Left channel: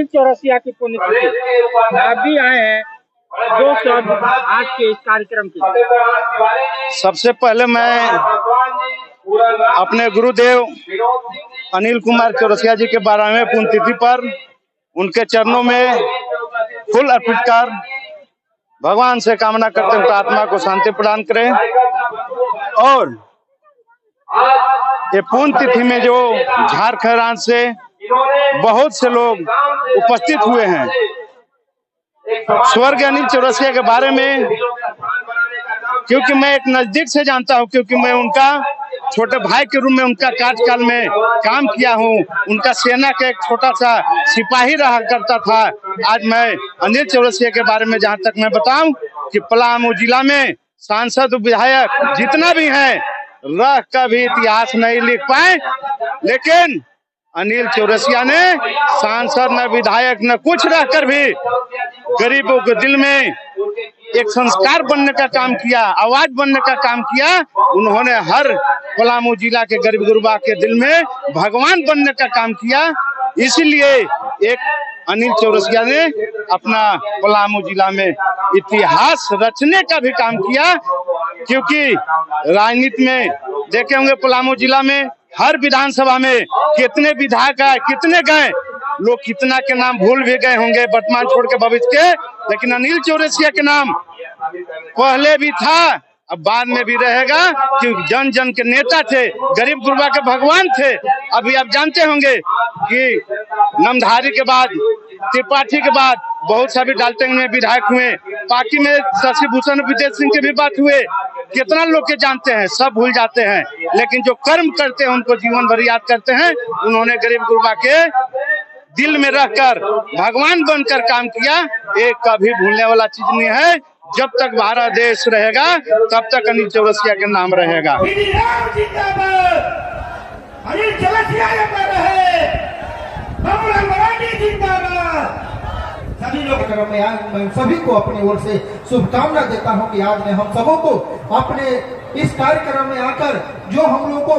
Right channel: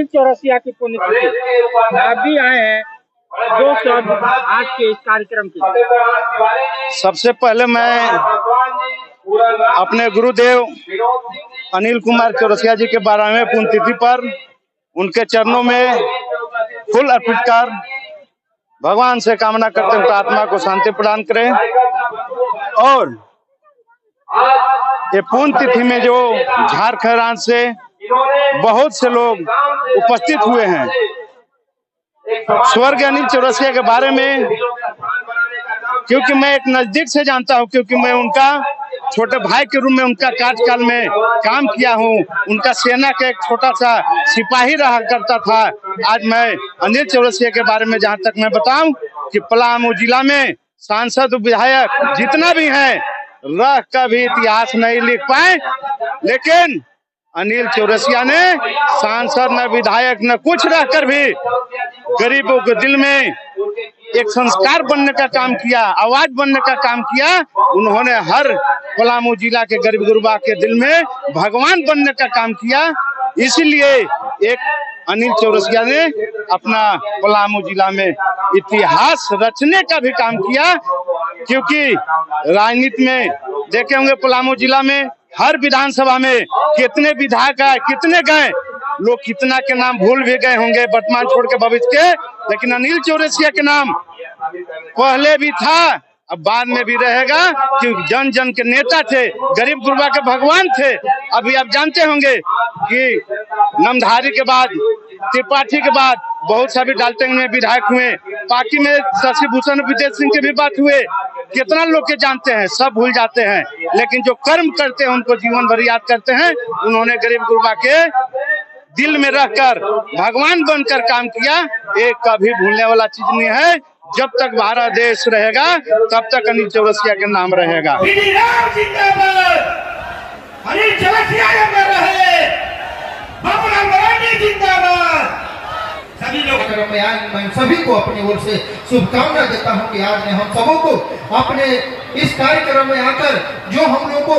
अनिल चौरसिया की पुण्यतिथि आप भी आए हैं 2 शब्द आज के इस कार्यक्रम के। सबसे पहले मैं अपने गुरुदेव अनिल कुमार चौरसिया जी के 12वें पुण्यतिथि पर उनके चरणों में फूल अर्पित कर भगवान से कामना करते हैं उनका आत्मा को शांति प्रदान करें। और ये पुण्यतिथि में जो झारखंड से बहुत से लोग उपस्थित हुए हैं, स्वर्गीय अनिल चौरसिया के बारे में क्योंकि मैं एक नजदीक से जानता हूं, क्योंकि मैं उनका छोटे भाई के रूप में उनका कार्यकाल में काम किया हूं। उनका सेना का एक छोटा सा सिपाही रहा करता था। आज मैं अनिल चौरसिया के बारे में जहां तक मैं बताऊं कि पलामू जिला में सांसद विधायक जितना भी है रह का भी इतिहास नहीं लिख पाए, लेकिन अनिल चौरसिया ने सांसद न विधायक न कुछ रहकर भी गरीबों के दिल में एक संस्कार बनने का काम किया, आवाज बनने का काम किया। उन्होंने हर पलामू जिला के गरीब गुरबा के दिल में भगवान बनने का काम किया। इसलिए एक अनिल चौरसिया ने अपना पलामू जिला में इतिहास रचने का भी काम किया, क्योंकि राजनीति में देखे होंगे पलामू जिला में हर विधानसभा में कितने विधायक आए, कितने गए, लोग कितना के नाम भूल भी गए होंगे वर्तमान छोड़ के भविष्य के, लेकिन अनिल चौरसिया के नाम पहले भी था, अब बाद में भी रहेगा, क्योंकि जन जन के नेता थे, गरीब गुरबा के भगवान थे। अभी आप जानते होंगे कि नामधारी के बाद, त्रिपाठी के बाद बहुत सभी डाल्टन में विधायक हुए, पार्टी में शशि भूषण विदेश सिंह के भी बात हुए। कितना लोग के जानते हैं, सब भूल जाते हैं, लेकिन जो कर्म करते हैं उनको जीवन भर याद करते हैं। उन्होंने गरीब गुरबा के दिल में रहकर भगवान बनकर काम किया। एक कभी भूलने वाला चीज नहीं है। जब तक भारत देश रहेगा तब तक अनिल चौरसिया के नाम रहेगा। सभी लोग मैं सभी को अपनी ओर से शुभकामना देता हूं कि आज ने हम सबों को अपने इस कार्यक्रम में आकर जो हम लोग को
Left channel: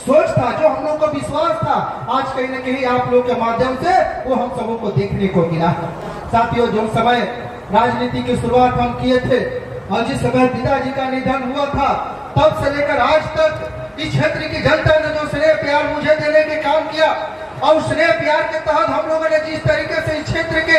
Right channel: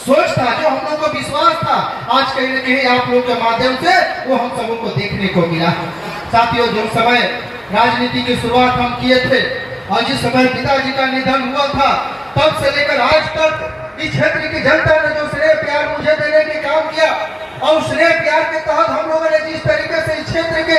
सोच था, जो हम लोग को विश्वास था, आज कहीं न कहीं आप लोग के माध्यम से वो हम सबों को देखने को मिला। साथियों, जो समय राजनीति की शुरुआत हम किए थे और जिस समय पिताजी का निधन हुआ था, तब से लेकर आज तक इस क्षेत्र की जनता ने जो स्नेह प्यार मुझे देने के काम किया और स्नेह प्यार के तहत हम लोगों ने जिस तरीके से इस क्षेत्र के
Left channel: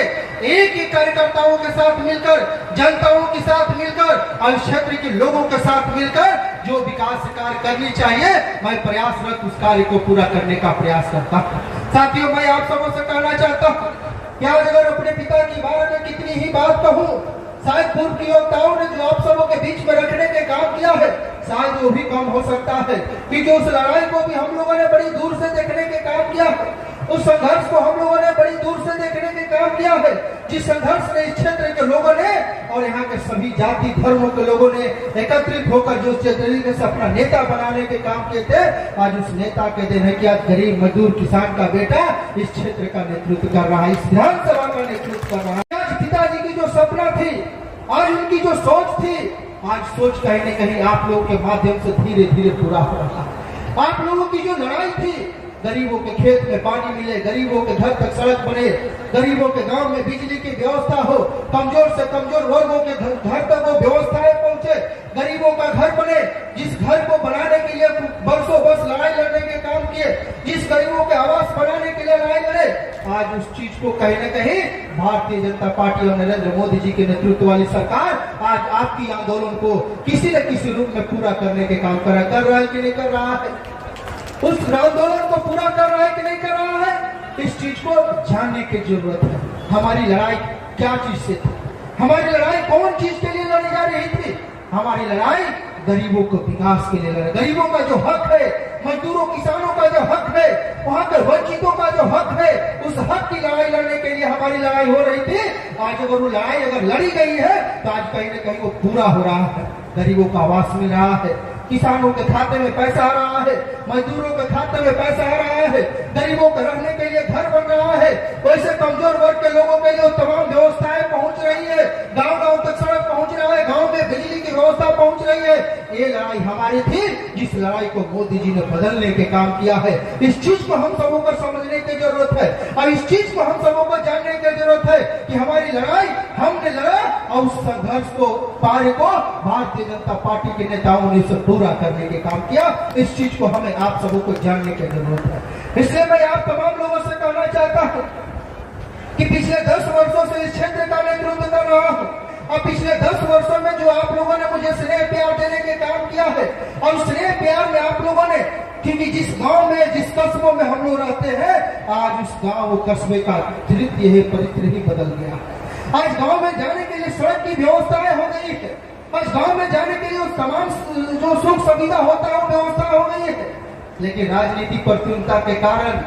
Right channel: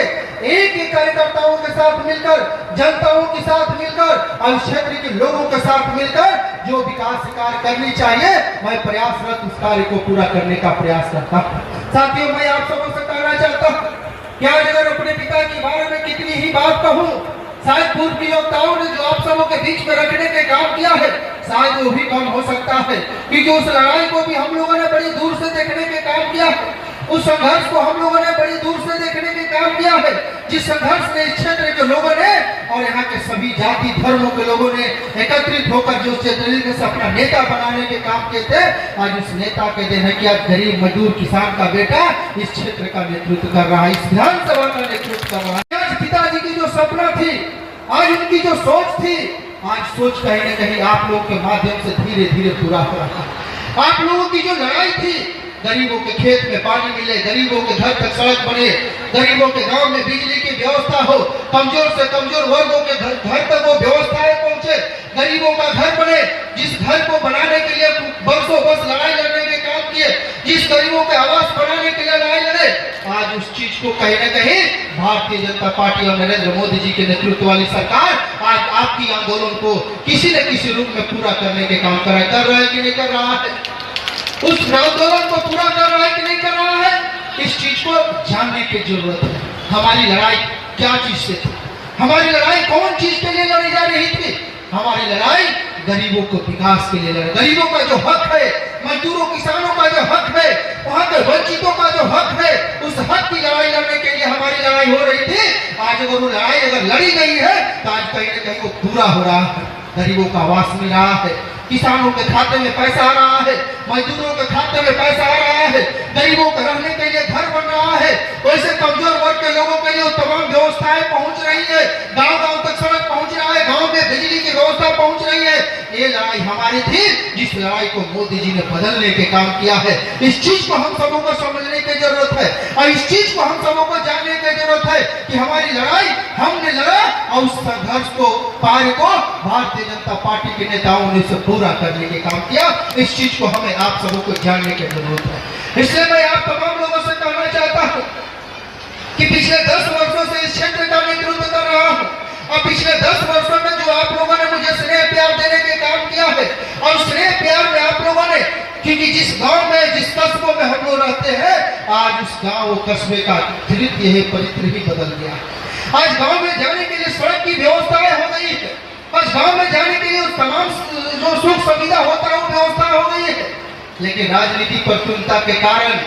एक ही कार्यकर्ताओं के साथ मिलकर, जनताओं के साथ मिलकर और इस क्षेत्र के लोगों के साथ मिलकर जो विकास कार्य करनी चाहिए, मैं प्रयासरत उस कार्य को पूरा करने का प्रयास करता हूँ। साथियों, मैं आप सबों से कहना चाहता हूँ कि आज अगर अपने पिता के बारे में कितनी ही बात कहूँ, शायद पूर्व की योद्धाओं ने जो आप सबों के बीच में रखने के काम किया है, शायद वो भी कम हो सकता है, क्योंकि उस लड़ाई को भी हम लोगों ने बड़ी दूर से देखने के काम किया है। उस संघर्ष को हम लोगों ने बड़ी दूर से देखने के काम किया है, जिस संघर्ष में इस क्षेत्र के लोगों ने और यहाँ के सभी जाति धर्मों के लोगों ने एकत्रित होकर जो क्षेत्र से अपना नेता बनाने के काम किए थे, आज उस नेता के दिन है कि आज गरीब मजदूर किसान का बेटा इस क्षेत्र का नेतृत्व कर रहा है, इस विधानसभा का नेतृत्व कर रहा है। आज पिताजी की जो सपना थी, आज उनकी जो सोच थी, आज सोच कहीं न कहीं आप लोगों के माध्यम से धीरे धीरे पूरा हो रहा है। आप लोगों की जो लड़ाई थी, गरीबों के खेत में पानी मिले, गरीबों के घर तक सड़क बने, गरीबों के गांव में बिजली की व्यवस्था हो, कमजोर से कमजोर वर्गों के घर तक वो व्यवस्थाएं पहुंचे, गरीबों का घर बने, जिस घर को बनाने के लिए बरसों बरस लड़ाई लड़ने के काम किए, जिस गरीबों के आवास बनाने के लिए लड़ाई लड़े, आज उस चीज को कहीं न कहीं भारतीय जनता पार्टी और नरेंद्र मोदी जी के नेतृत्व वाली सरकार आज आपकी आंदोलन को किसी न किसी रूप में पूरा करने के काम कर रहा है कि नहीं कर रहा है? उस आंदोलन को पूरा कर रहा है कि नहीं कर रहा है? इस चीज को जानने की जरूरत है। हमारी लड़ाई क्या चीज से थी? हमारी लड़ाई कौन चीज के लिए लड़ी जा रही थी? हमारी लड़ाई गरीबों को विकास के लिए लड़ाई, गरीबों का जो हक है, मजदूरों किसानों का जो हक है, वहां के वंचितों का जो हक है, उस हक की लड़ाई लड़ने के लिए हमारी लड़ाई हो रही थी। आज अगर वो लड़ाई अगर लड़ी गई है तो आज कहीं न कहीं वो पूरा हो रहा है। गरीबों का आवास मिल रहा है, किसानों के खाते में पैसा आ रहा है, मजदूरों के खाते में पैसा आ रहा है, गरीबों को रहने के लिए घर बन रहा है, वैसे कमजोर वर्ग के लोगों के लिए तमाम व्यवस्थाएं पहुंच रही है, गांव गांव तक सड़क पहुंच रहा है, गांव में बिजली की व्यवस्था पहुंच पहुंच रही है। ये लड़ाई हमारी थी, जिस लड़ाई को मोदी जी ने बदलने के काम किया है। इस चीज को हम सबों को समझने की जरूरत है और इस चीज को हम सबों को जानने की जरूरत है कि हमारी लड़ाई हमने लड़ा और उस संघर्ष को पार को भारतीय जनता पार्टी के नेताओं ने इसे पूरा करने के काम किया। इस चीज को हमें आप सबों को जानने की जरूरत है। इसलिए मैं आप तमाम लोगों से कहना चाहता हूँ कि पिछले 10 वर्षों से इस क्षेत्र का नेतृत्व कर रहा हूँ और पिछले 10 वर्षों में जो आप लोगों ने मुझे स्नेह प्यार देने के काम किया है और स्नेह प्यार में आप लोगों ने, क्योंकि जिस गांव में जिस कस्बों में हम लोग रहते हैं, आज उस गांव कस्बे का धृत्य है परित्र ही बदल गया। आज गांव में जाने के लिए सड़क की व्यवस्थाएं हो गई है। आज गांव में जाने के लिए तमाम जो सुख सुविधा होता है व्यवस्था हो गई है। लेकिन राजनीति प्रतिकूलता के कारण,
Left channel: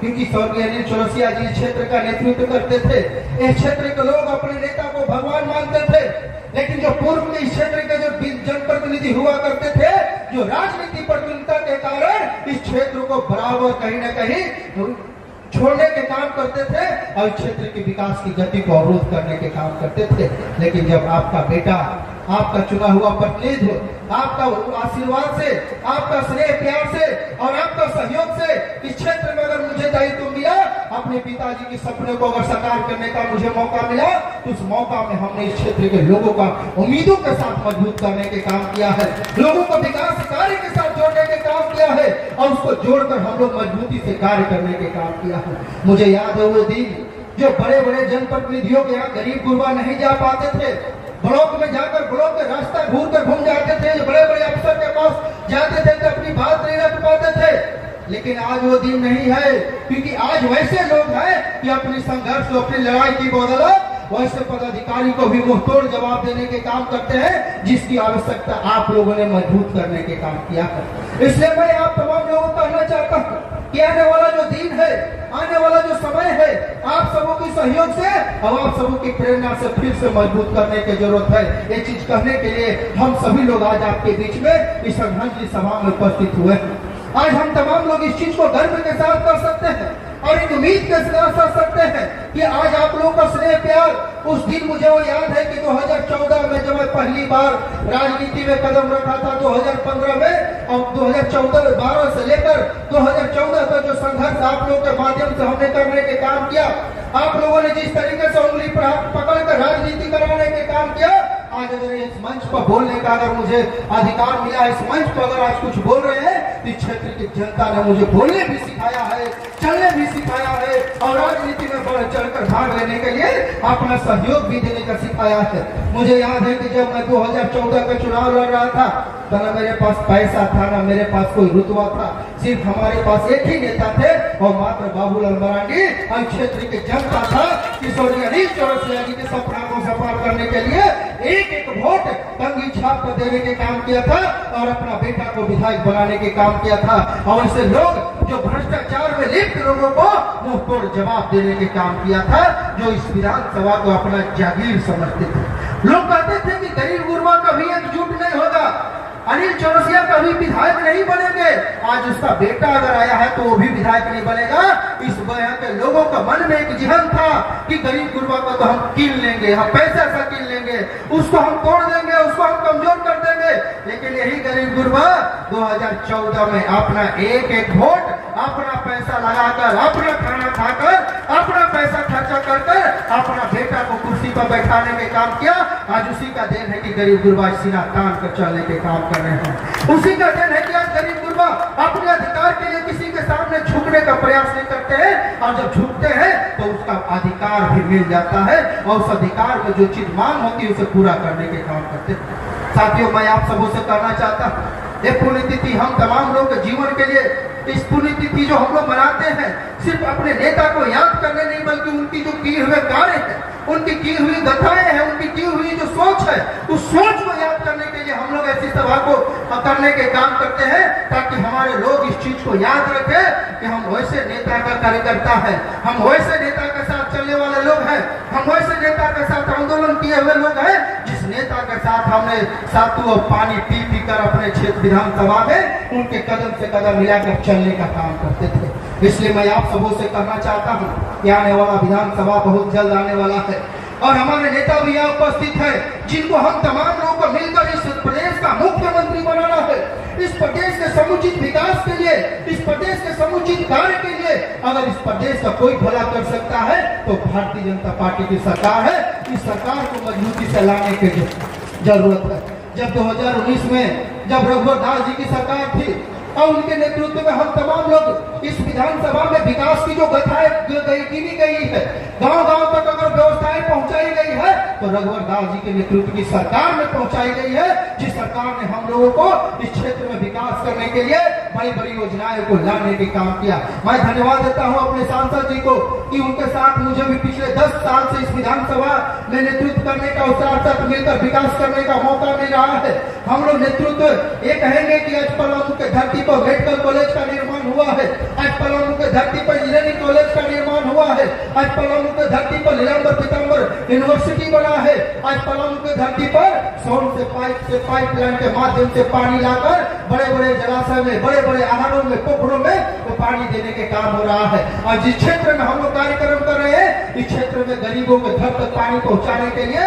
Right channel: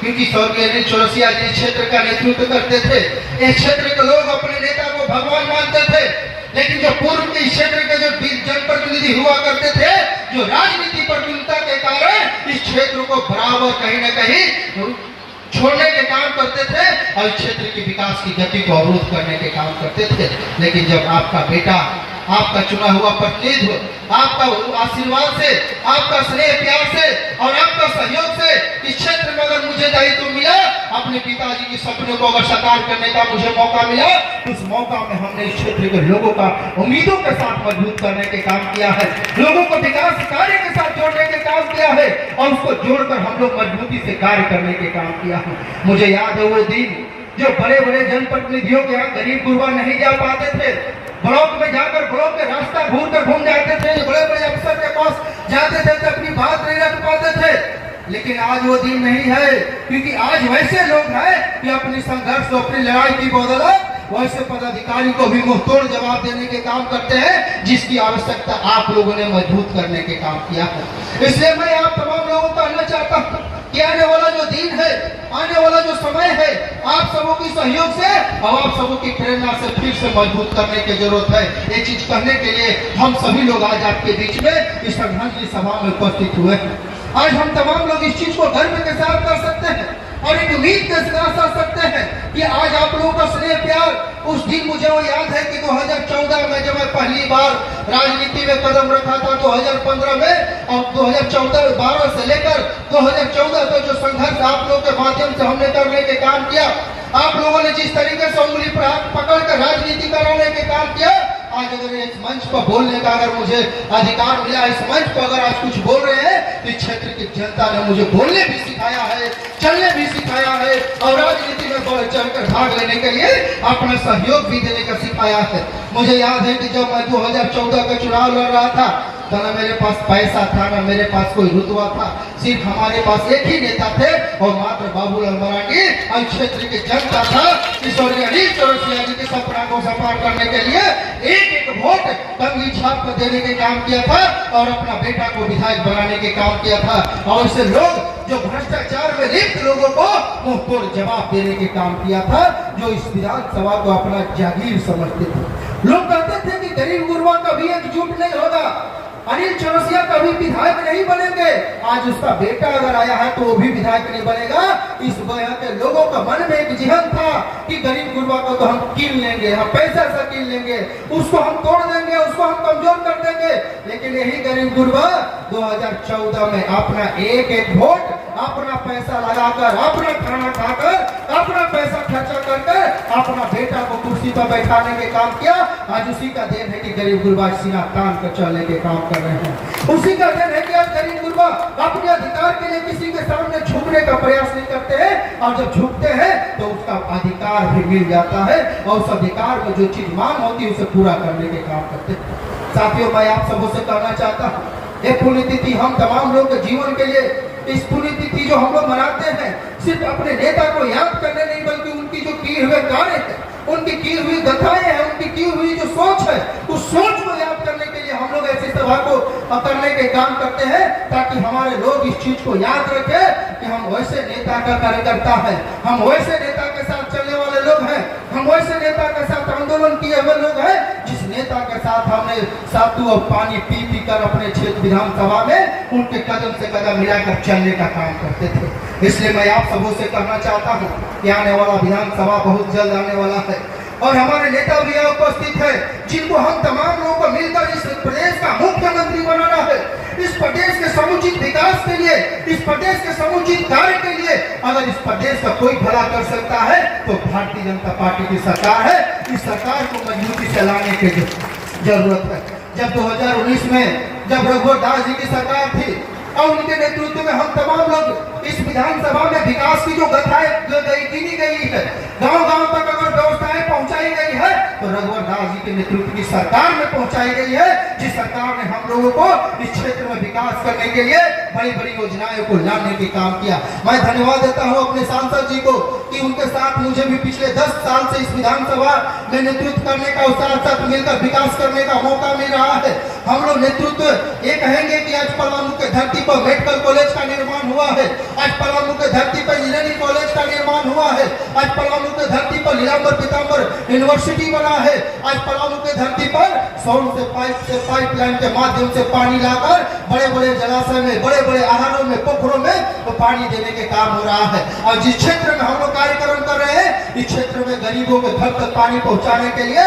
क्योंकि स्वर्गीय अनिल चौरसिया जी क्षेत्र का नेतृत्व करते थे, इस क्षेत्र के लोग अपने नेता को भगवान मानते थे। लेकिन जो पूर्व के इस क्षेत्र के जो जनप्रतिनिधि हुआ करते थे, जो राजनीति प्रतिकूलता के कारण इस क्षेत्र को बराबर कहीं न कहीं छोड़ने के काम करते थे और इस क्षेत्र के विकास की गति को अवरोध करने के काम करते थे। लेकिन जब आपका बेटा, आपका चुना हुआ प्रतिनिधित्व, आपका आशीर्वाद से, आपका स्नेह प्यार से और आपका सहयोग से इस क्षेत्र में अगर मुझे दायित्व मिला, अपने पिताजी के सपनों को अगर साकार करने का मुझे मौका मिला, उस मौका में हमने इस क्षेत्र के लोगों का उम्मीदों के साथ मजबूत करने के काम किया है, लोगों को विकास कार्य के साथ जोड़ने के काम किया है और उसको जोड़कर हम लोग मजबूती से कार्य करने के काम किया है। मुझे याद है वो दिन जो बड़े बड़े जनप्रतिनिधियों के यहाँ गरीब गुरबा नहीं जा पाते थे, ब्लॉक में जाकर ब्लॉक के रास्ता घूम जाते थे, बड़े बड़े अफसर के पास जाते थे तो अपनी बात नहीं रख पाते थे। लेकिन आज वो दिन नहीं है, क्योंकि आज वैसे लोग हैं कि अपने संघर्ष को, अपनी लड़ाई की बदौलत वैसे पदाधिकारी को भी मुंहतोड़ जवाब देने के काम करते हैं, जिसकी आवश्यकता आप लोगों ने मजबूत करने के काम किया है। इसलिए मैं आप तमाम लोगों को कहना चाहता हूँ कि आने वाला जो दिन है, आने वाला जो समय है, आप सबों के सहयोग से और आप सबों की प्रेरणा से फिर से मजबूत करने की जरूरत है। ये चीज कहने के लिए हम सभी लोग आज आपके बीच में इस श्रद्धांजलि सभा में उपस्थित हुए हैं। आज हम तमाम लोग इस चीज को गर्व के साथ कर सकते हैं और एक उम्मीद के साथ कर सकते हैं कि आज आप लोगों का स्नेह प्यार, उस दिन मुझे वो याद है कि 2014 में जब मैं पहली बार राजनीति में कदम रखा था 2015 में, और 2012 से लेकर 2014 तक जो संघर्ष आप लोगों के माध्यम से हमने करने के काम किया, आप लोगों ने जिस तरीके से उंगली पकड़ कर राजनीति कराने के काम किया, आज अगर इस मंच पर बोलने का अगर मुझे अधिकार मिला, इस मंच पर अगर आज कुछ बोल रहे हैं, इस क्षेत्र की जनता ने मुझे बोलने भी सिखाया है, चलने भी सिखाया है और राजनीति में बढ़ चढ़कर भाग लेने के लिए अपना सहयोग भी देने का सिखाया है। मुझे याद है कि जब मैं 2014 का चुनाव लड़ रहा था तो न मेरे पास पैसा था, न मेरे पास कोई रुतबा था, सिर्फ हमारे पास एक ही नेता थे और मात्र बाबूलाल मरांडी और क्षेत्र की जनता था। स्वर्गीय अनिल चौरसिया जी के सपना को साकार करने के लिए एक एक वोट कंगी छाप पर देने के काम किया था और अपना बेटा को विधायक बनाने के काम किया था। और ऐसे लोग जो भ्रष्टाचार में लिप्त लोगों को मुंह तोड़ जवाब देने के काम किया था, जो इस विधानसभा को अपना जागीर समझते थे। लोग कहते थे कि गरीब गुरबा कभी एकजुट नहीं होगा, अनिल चौरसिया कभी विधायक नहीं बनेंगे। आज उसका बेटा अगर आया है तो वो भी विधायक नहीं बनेगा। इस वजह के लोगों का मन में एक जिहन था कि गरीब गुरबा को तो हम कीन लेंगे, हम पैसा से कीन लेंगे, उसको हम तोड़ देंगे, उसको हम कमजोर कर देंगे। लेकिन यही गरीब गुरबा 2014 में अपना एक एक वोट, अपना पैसा लगाकर, अपना खाना खाकर, अपना पैसा खर्चा कर अपना बेटा को कुर्सी पर बैठाने के काम किया। आज उसी का देन है कि गरीब गुरबा सीना तान कर चलने के काम कर रहे हैं। उसी का देन है कि आज गरीब गुरबा अपने अधिकार के लिए किसी के सामने झुकने का प्रयास नहीं करते हैं और जब झुकते हैं तो उसका अधिकार भी मिल जाता है और उस अधिकार में जो चीज मांग होती है उसे पूरा करने के काम करते हैं। साथियों, मैं आप सबों से कहना चाहता हूँ, ये पुण्यतिथि हम तमाम लोग के जीवन के लिए, इस पुण्यतिथि जो हम लोग मनाते हैं, सिर्फ अपने नेता को याद करने नहीं बल्कि उनकी जो किए हुए कार्य है, उनकी की हुई गाथाएं हैं, उनकी की हुई जो सोच है, उस सोच को याद करने के लिए हम लोग ऐसी सभा को करने के काम करते हैं ताकि हमारे लोग इस चीज को याद रखें कि हम वैसे नेता का कार्यकर्ता है, हम वैसे नेता के साथ चलने वाले लोग हैं, हम वैसे नेता के साथ आंदोलन किए हुए लोग हैं जिस नेता के साथ हमने सातु और पानी पी पी कर अपने क्षेत्र विधानसभा में उनके कदम से कदम मिलाकर चलने का काम करते थे। इसलिए मैं आप सबों से कहना चाहता हूँ कि आने वाला विधानसभा बहुत जल्द आने वाला है। और हमारे नेता भी यहाँ उपस्थित है, जिनको हम तमाम लोगों को मिलकर इस प्रदेश का मुख्यमंत्री बनाना है। इस प्रदेश के समुचित विकास के लिए, इस प्रदेश के समुचित कार्य के लिए अगर इस प्रदेश का कोई भला कर सकता है तो भारतीय जनता पार्टी की सरकार है। इस सरकार को मजबूती से लाने की जरूरत है। जब 2019 में जब रघुवर दास जी की सरकार थी और उनके नेतृत्व में हम तमाम लोग इस विधानसभा में विकास की जो गाथाएं गिनी गई है, गांव-गांव तक अगर व्यवस्थाएं पहुंचाई गई है तो रघुवर दास जी के नेतृत्व की सरकार में पहुंचाई गई है, जिस सरकार ने हम लोगों को इस क्षेत्र में विकास करने के लिए बड़ी-बड़ी योजनाएं को लाने के काम किया। मैं धन्यवाद देता हूं अपने सांसद जी को कि उनके साथ मुझे भी पिछले 10 साल से इस विधानसभा में नेतृत्व करने का और साथ मिलकर विकास करने का मौका मिल रहा है। हम लोग नेतृत्व ये कहेंगे कि आज पलामू के धरती पर मेडिकल कॉलेज का निर्माण हुआ है, आज पलामू के धरती पर इंजीनियरिंग कॉलेज का निर्माण हुआ है, आज पलामू के धरती पर नीलांबर पीतांबर यूनिवर्सिटी बना है, आज पलामू के धरती पर सौर से पाइपलाइन के माध्यम से पानी लाकर बड़े-बड़े जलाशय में, बड़े-बड़े आहारों में, पोखरों में तो पानी देने के काम हो रहा है। और जिस क्षेत्र में हम लोग कार्यक्रम कर रहे हैं, इस क्षेत्र में गरीबों के घर तक पानी पहुंचाने के लिए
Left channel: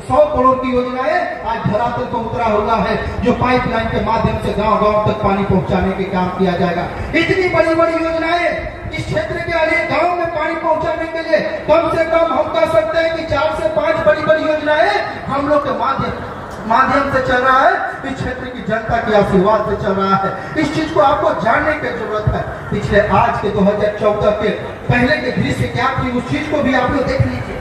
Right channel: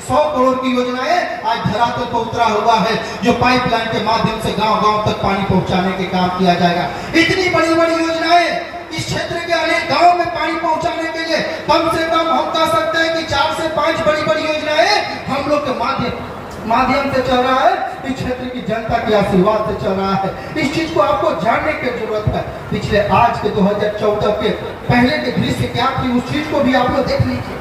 100 करोड़ की योजनाएं आज धरातल पर उतरा हुआ है, जो पाइपलाइन के माध्यम से गांव-गांव तक पानी पहुंचाने के काम किया जाएगा। इतनी बड़ी-बड़ी योजनाएं इस क्षेत्र के अनेक गांव में पानी पहुंचाने के लिए कम से कम हम कह सकते हैं कि 4 से 5 बड़ी-बड़ी योजनाएं हम लोग के माध्यम से चल रहा है। इस क्षेत्र की जनता के आशीर्वाद से चल रहा है। इस चीज को आपको जानने की जरूरत है। पिछले आज के 2014 के पहले के दृश्य क्या थी, उस चीज को भी आप लोग देख लीजिए।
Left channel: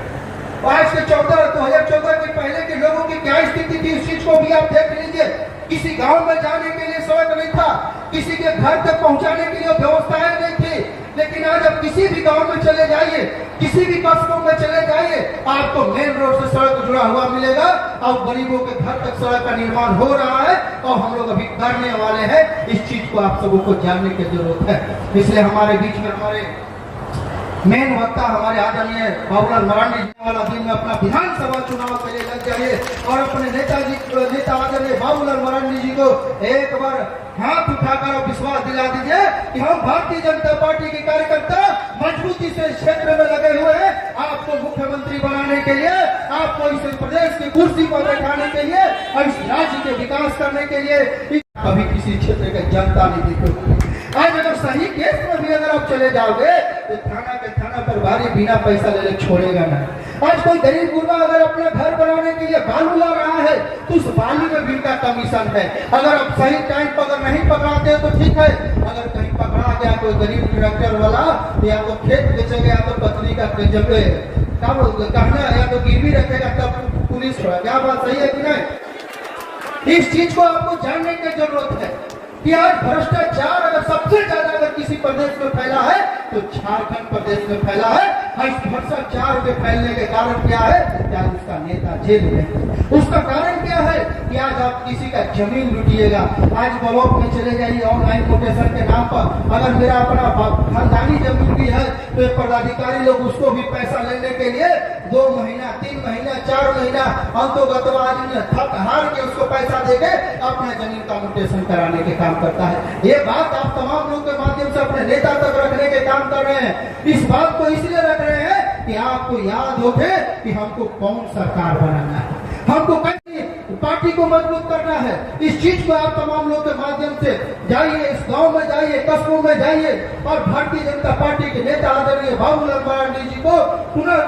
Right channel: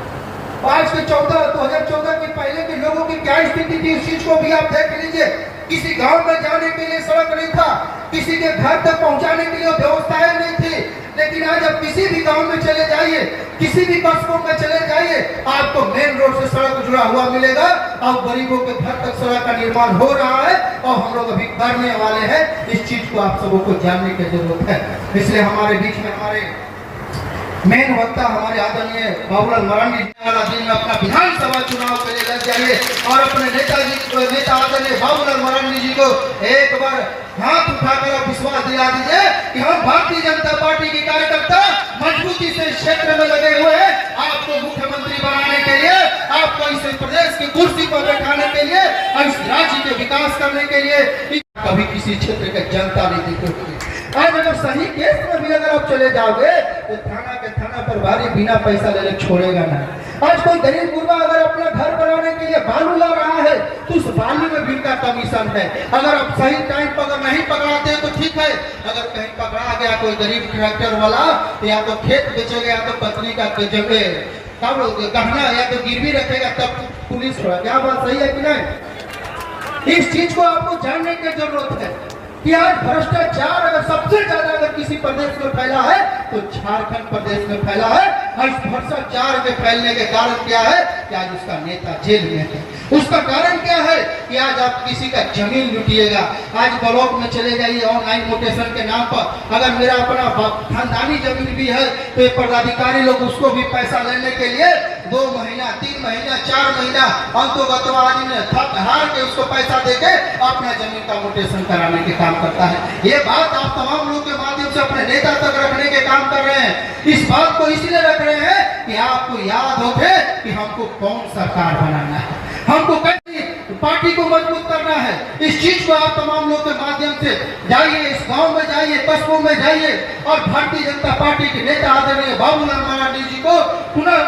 आज के 2014 के पहले के लोगों की क्या स्थिति थी, उस चीज को भी आप देख लीजिए। किसी गांव में जाने के लिए सड़क नहीं था, किसी के घर तक पहुंचाने के लिए व्यवस्थाएं नहीं थी। लेकिन आज आप किसी भी गांव में चले जाइए, किसी भी कस्बों में चले जाइए, आपको मेन रोड से सड़क जुड़ा हुआ मिलेगा और गरीबों के घर तक सड़क का निर्माण हो रहा है और हम लोग अभी करने वाले हैं। इस चीज को आप सबों को जानने की जरूरत है। इसलिए हमारे बीच में हमारे मेन वक्ता हमारे आदरणीय बाबूलाल मरांडी जी वाला दिन में अपना विधानसभा चुनाव के लिए लग जाइए और अपने नेता आदरणीय बाबूलाल मरांडी जी को एक बार हाथ उठाकर आप विश्वास दिला दीजिए कि हम भारतीय जनता पार्टी के कार्यकर्ता मजबूती से इस क्षेत्र में लगे हुए हैं, आपको मुख्यमंत्री बनाने के लिए, आपको इस प्रदेश की कुर्सी पर बैठाने के लिए और इस राज्य के विकास करने के लिए। कभी किसी क्षेत्र की जनता नहीं देते होंगे। आज अगर सही केस में भी अगर आप चले जाओगे तो थाना प्रभारी बिना पैसा ले छोड़ेगा ना। आज कोई गरीब गुरबा अगर अपना घर बनाने के लिए बालू ला रहा है तो उस बालू में भी का कमीशन है। अगर आप सही टाइम पर अगर नहीं पकड़ाते तो ठीक है, अगर कहीं पकड़ा गया कोई गरीब ट्रैक्टर वाला तो या तो खेत बेचेगा या तो पत्नी का जगह तब गहना या तो गिरवी रखेगा तब पुलिस होगा। क्या बात सही है कि नहीं? इस चीज को आपको जानने की जरूरत है कि आज भ्रष्टाचार अगर सबसे ज्यादा अगर किसी प्रदेश में फैला है तो झारखंड प्रदेश में फैला है। और इस भ्रष्टाचार के फैलने के कारण क्या है कि आज उसका नेता जेल में है। उसका कारण क्या है कि आज आप किसी का जमीन लूटिएगा। आज ब्लॉक में चले जाइए ऑनलाइन कोटेशन के नाम पर, अगर मेरा अपना खानदानी जमीन भी है तो ये पदाधिकारी लोग उसको भी पैसा लेने के लिए 2 महीना 3 महीना 4 महीना अंतोगत आदमी थक हार के उसको पैसा देके अपना जमीन का मोटेशन कराने के काम करता है। ये बात आप तमाम लोगों के माध्यम से अपने नेता तक रखने के काम कर रहे हैं। इस बात को इसलिए रख रहे हैं कि आपको याद हो कि हमको कौन सरकार बनाना है, हमको कैसे पार्टी को मजबूत करना है। इस चीज को आप तमाम लोगों के माध्यम से जाइए, इस गांव में जाइए, कस्बों में जाइए और भारतीय जनता पार्टी के नेता आदरणीय बाबूलाल मरांडी जी को पुनः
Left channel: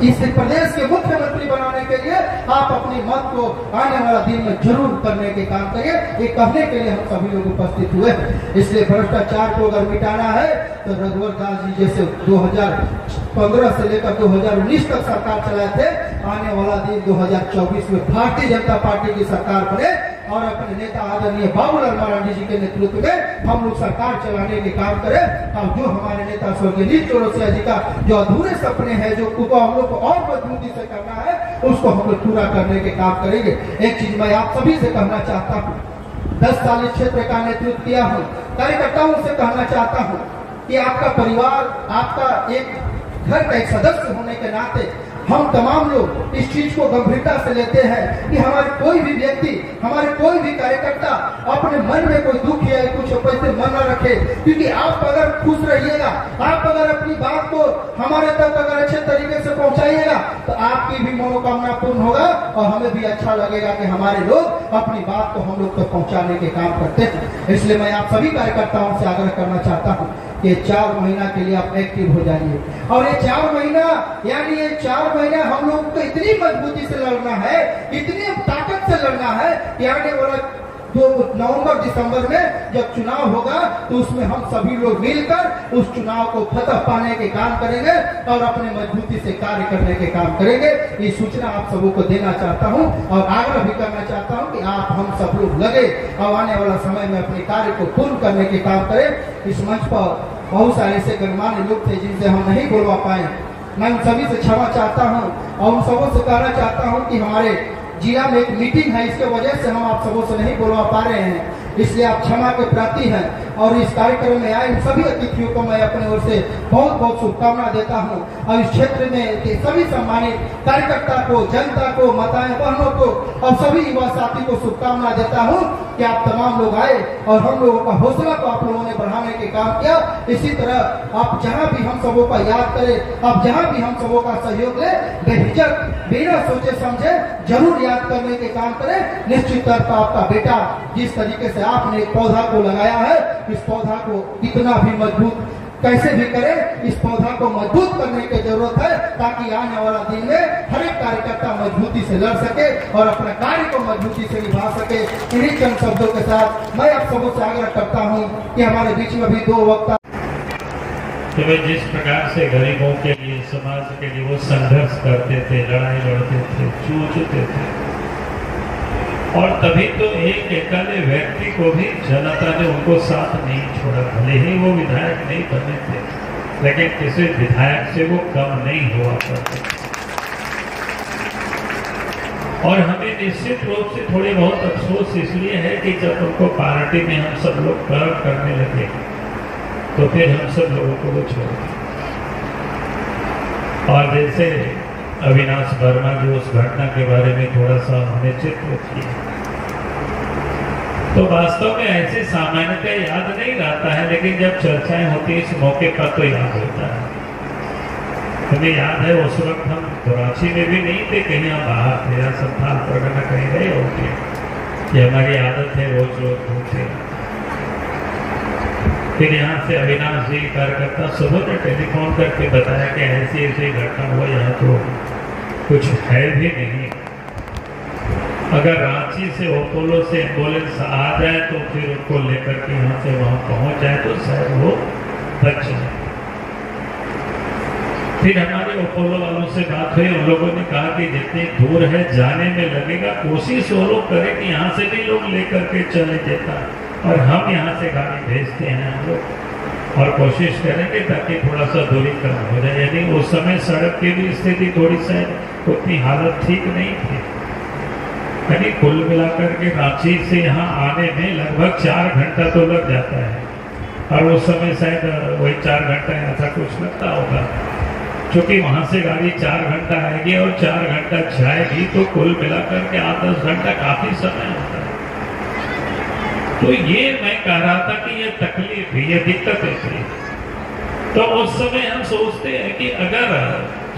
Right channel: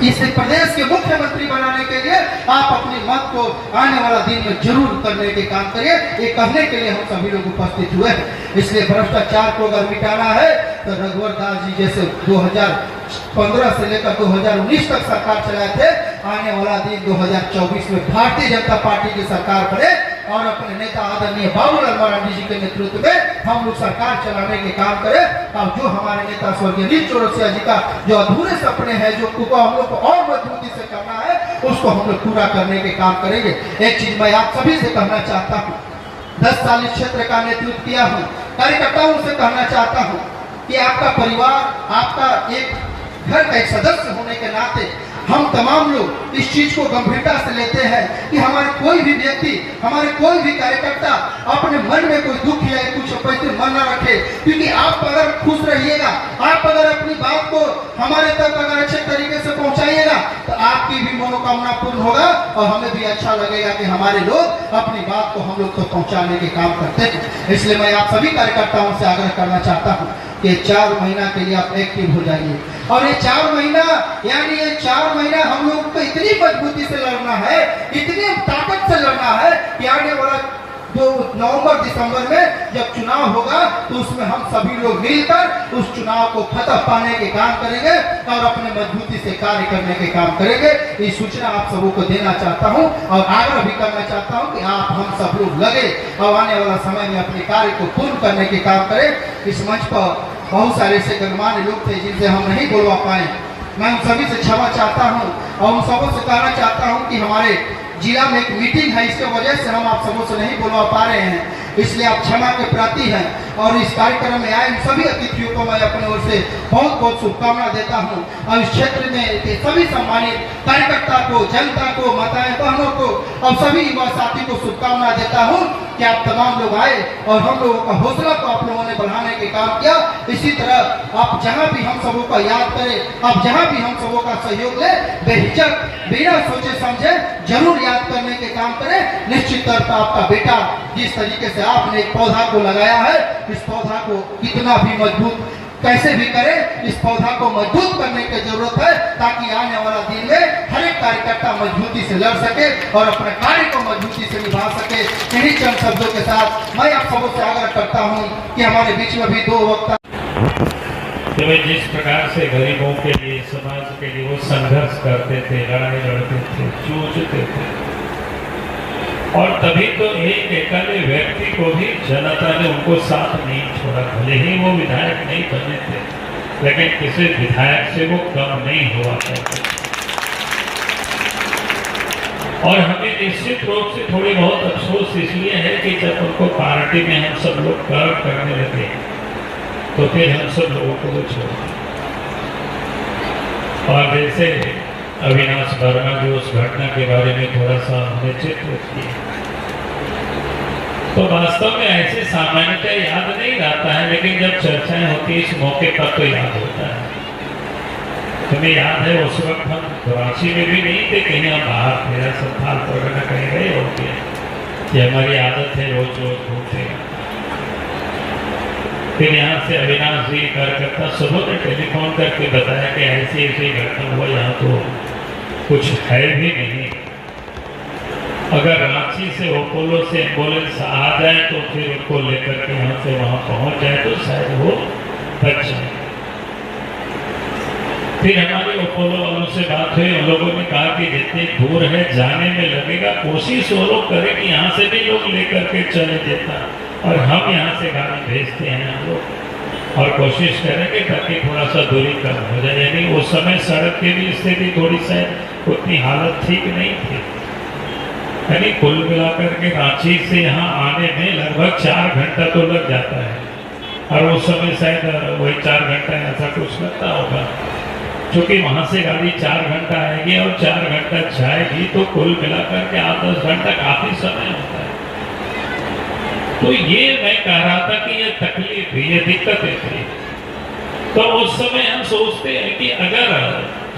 इस प्रदेश के मुख्यमंत्री बनाने के लिए आप अपने मत को आने वाला दिन में जरूर करने के काम करिए। ये कहने के लिए हम सभी लोग उपस्थित हुए हैं। इसलिए भ्रष्टाचार को अगर मिटाना है तो रघुवर दास जी जैसे 2015 से लेकर 2019 तक सरकार चलाए थे, आने वाला दिन 2024 में भारतीय जनता पार्टी की सरकार बने और अपने नेता आदरणीय बाबूलाल मरांडी जी के नेतृत्व में हम लोग सरकार चलाने के काम करें। और जो हमारे नेता स्वर्गीय नील चौरसिया जी का जो अधूरे सपने हैं, जो हम लोग को और मजबूती से करना है, उसको हम लोग पूरा करने के काम करेंगे। एक चीज मैं आप सभी से कहना चाहता हूँ, 10 साल इस क्षेत्र का नेतृत्व किया हूँ, कार्यकर्ताओं से कहना चाहता हूँ कि आपका परिवार, आपका एक घर का एक सदस्य होने के नाते हम तमाम लोग इस चीज को गंभीरता से लेते हैं कि हमारे कोई भी व्यक्ति, हमारे कोई भी कार्यकर्ता अपने मन में कोई दुख या कुछ पैसे मन न रखे। क्योंकि आप अगर खुश रहिएगा, आप अगर अपनी बात को हमारे तक अगर अच्छे तरीके से आपकी भी मनोकामना पूर्ण होगा और हमें भी अच्छा लगेगा कि हमारे लोग अपनी बात को हम लोग तक पहुंचाने के काम करते हैं। इसलिए मैं आप सभी कार्यकर्ताओं से आग्रह करना चाहता हूं कि 4 महीना के लिए आप एक्टिव हो जाइए। और ये 4 महीना यानी ये 4 महीना हम लोग को इतनी मजबूती से लड़ना है, इतनी ताकत से लड़ना है कि आने वाला जो नवंबर दिसंबर में जब चुनाव होगा तो उसमें हम सभी लोग मिलकर उस चुनाव को फतह पाने के काम करेंगे और अपने मजबूती से कार्य करने के काम करेंगे। ये सूचना आप सबों को देना चाहता हूं और आग्रह भी करना चाहता हूं कि आप हम सब लोग लगे और आने वाला समय में अपने कार्य को पूर्ण करने के काम करें। इस मंच पर बहुत सारे ऐसे गणमान्य लोग थे जिनसे हम नहीं बोलवा पाए, मैं उन सभी से क्षमा चाहता हूँ और उन सबों से कहना चाहता हूँ कि हमारे जिला में एक मीटिंग है, इसके वजह से हम आप सबों से नहीं बोलवा पा रहे हैं, इसलिए आप क्षमा के प्रार्थी हैं। और इस कार्यक्रम में आए सभी अतिथियों को मैं अपनी ओर से बहुत बहुत शुभकामना देता हूं और इस क्षेत्र में के सभी सम्मानित कार्यकर्ता को, जनता को, माताएं बहनों को और सभी युवा साथी को शुभकामना देता हूं कि आप तमाम लोग आए और हम लोगों का हौसला को आप लोगों ने बढ़ाने के काम किया। इसी तरह आप जहां भी हम सबों का याद करें, आप जहां भी हम सबों का सहयोग ले, बेहिचक बिना सोचे समझे जरूर याद करने के काम करें। निश्चित तौर पर आपका बेटा जिस तरीके से आपने एक पौधा को लगाया है, इस पौधा को कितना भी मजबूत कैसे भी करें, इस पौधा को मजबूत करने की जरूरत है ताकि आने वाला दिन में हर एक कार्यकर्ता मजबूती से लड़ सके और अपने कार्य को मजबूती से निभा सके। इन्हीं चंद शब्दों के साथ मैं आप सबों से आग्रह करता हूं कि हमारे बीच में भी 2 वक्ता तो वे जिस प्रकार से गरीबों के लिए, समाज के लिए वो संघर्ष करते थे, लड़ाई लड़ते थे, जूझते थे, और तभी तो एक अकेले व्यक्ति को भी जनता ने उनको साथ नहीं छोड़ा। भले ही वो विधायक नहीं बने थे, लेकिन किसी विधायक से वो कम नहीं हुआ करते। और हमें निश्चित रूप से थोड़ी बहुत अफसोस इसलिए है कि जब उनको पार्टी में हम सब लोग कर्म करने लगे तो फिर हम सब लोगों को वो छोड़। और जैसे अविनाश वर्मा जी उस घटना के बारे में थोड़ा सा हमें चित्रित किया, तो वास्तव में ऐसे सामान्यतः याद नहीं रहता है, लेकिन जब चर्चाएं होती है इस मौके पर तो याद होता है। तुम्हें याद है उस वक्त हम कराची में भी नहीं थे, कहीं हम बाहर थे, संथाल परगना कहीं गए होंगे, कि हमारी आदत है रोज रोज घूमते। फिर यहाँ से अविनाश जी कार्यकर्ता सुबह ने टेलीफोन करके बताया कि ऐसी ऐसी घटना हुआ, यहाँ तो कुछ है भी नहीं। अगर रांची से अपोलो से एम्बुलेंस आ जाए तो फिर उनको लेकर के यहाँ से वहाँ पहुँच जाए तो शायद वो बच जाए। फिर हमारी अपोलो वालों से बात हुई, उन लोगों ने कहा कि जितने दूर है जाने में लगेगा, कोशिश वो लोग करें कि यहाँ से भी लोग लेकर के चले देता और हम यहाँ से गाड़ी भेजते हैं हम लोग, और कोशिश करेंगे ताकि थोड़ा सा दूरी कम हो जाए। यानी उस समय सड़क की भी स्थिति थोड़ी सा उतनी हालत ठीक नहीं थी, यानी कुल मिलाकर के रांची से यहाँ आने में लगभग 4 घंटा तो लग जाता है, और उस समय शायद वही 4 घंटा ऐसा कुछ लगता होगा, क्योंकि वहाँ से गाड़ी 4 घंटा आएगी और 4 घंटा जाएगी, तो कुल मिलाकर के 8-10 घंटा काफी समय होता है। तो ये मैं कह रहा था कि ये तकलीफ है, ये दिक्कतें थी। तो उस समय हम सोचते हैं कि अगर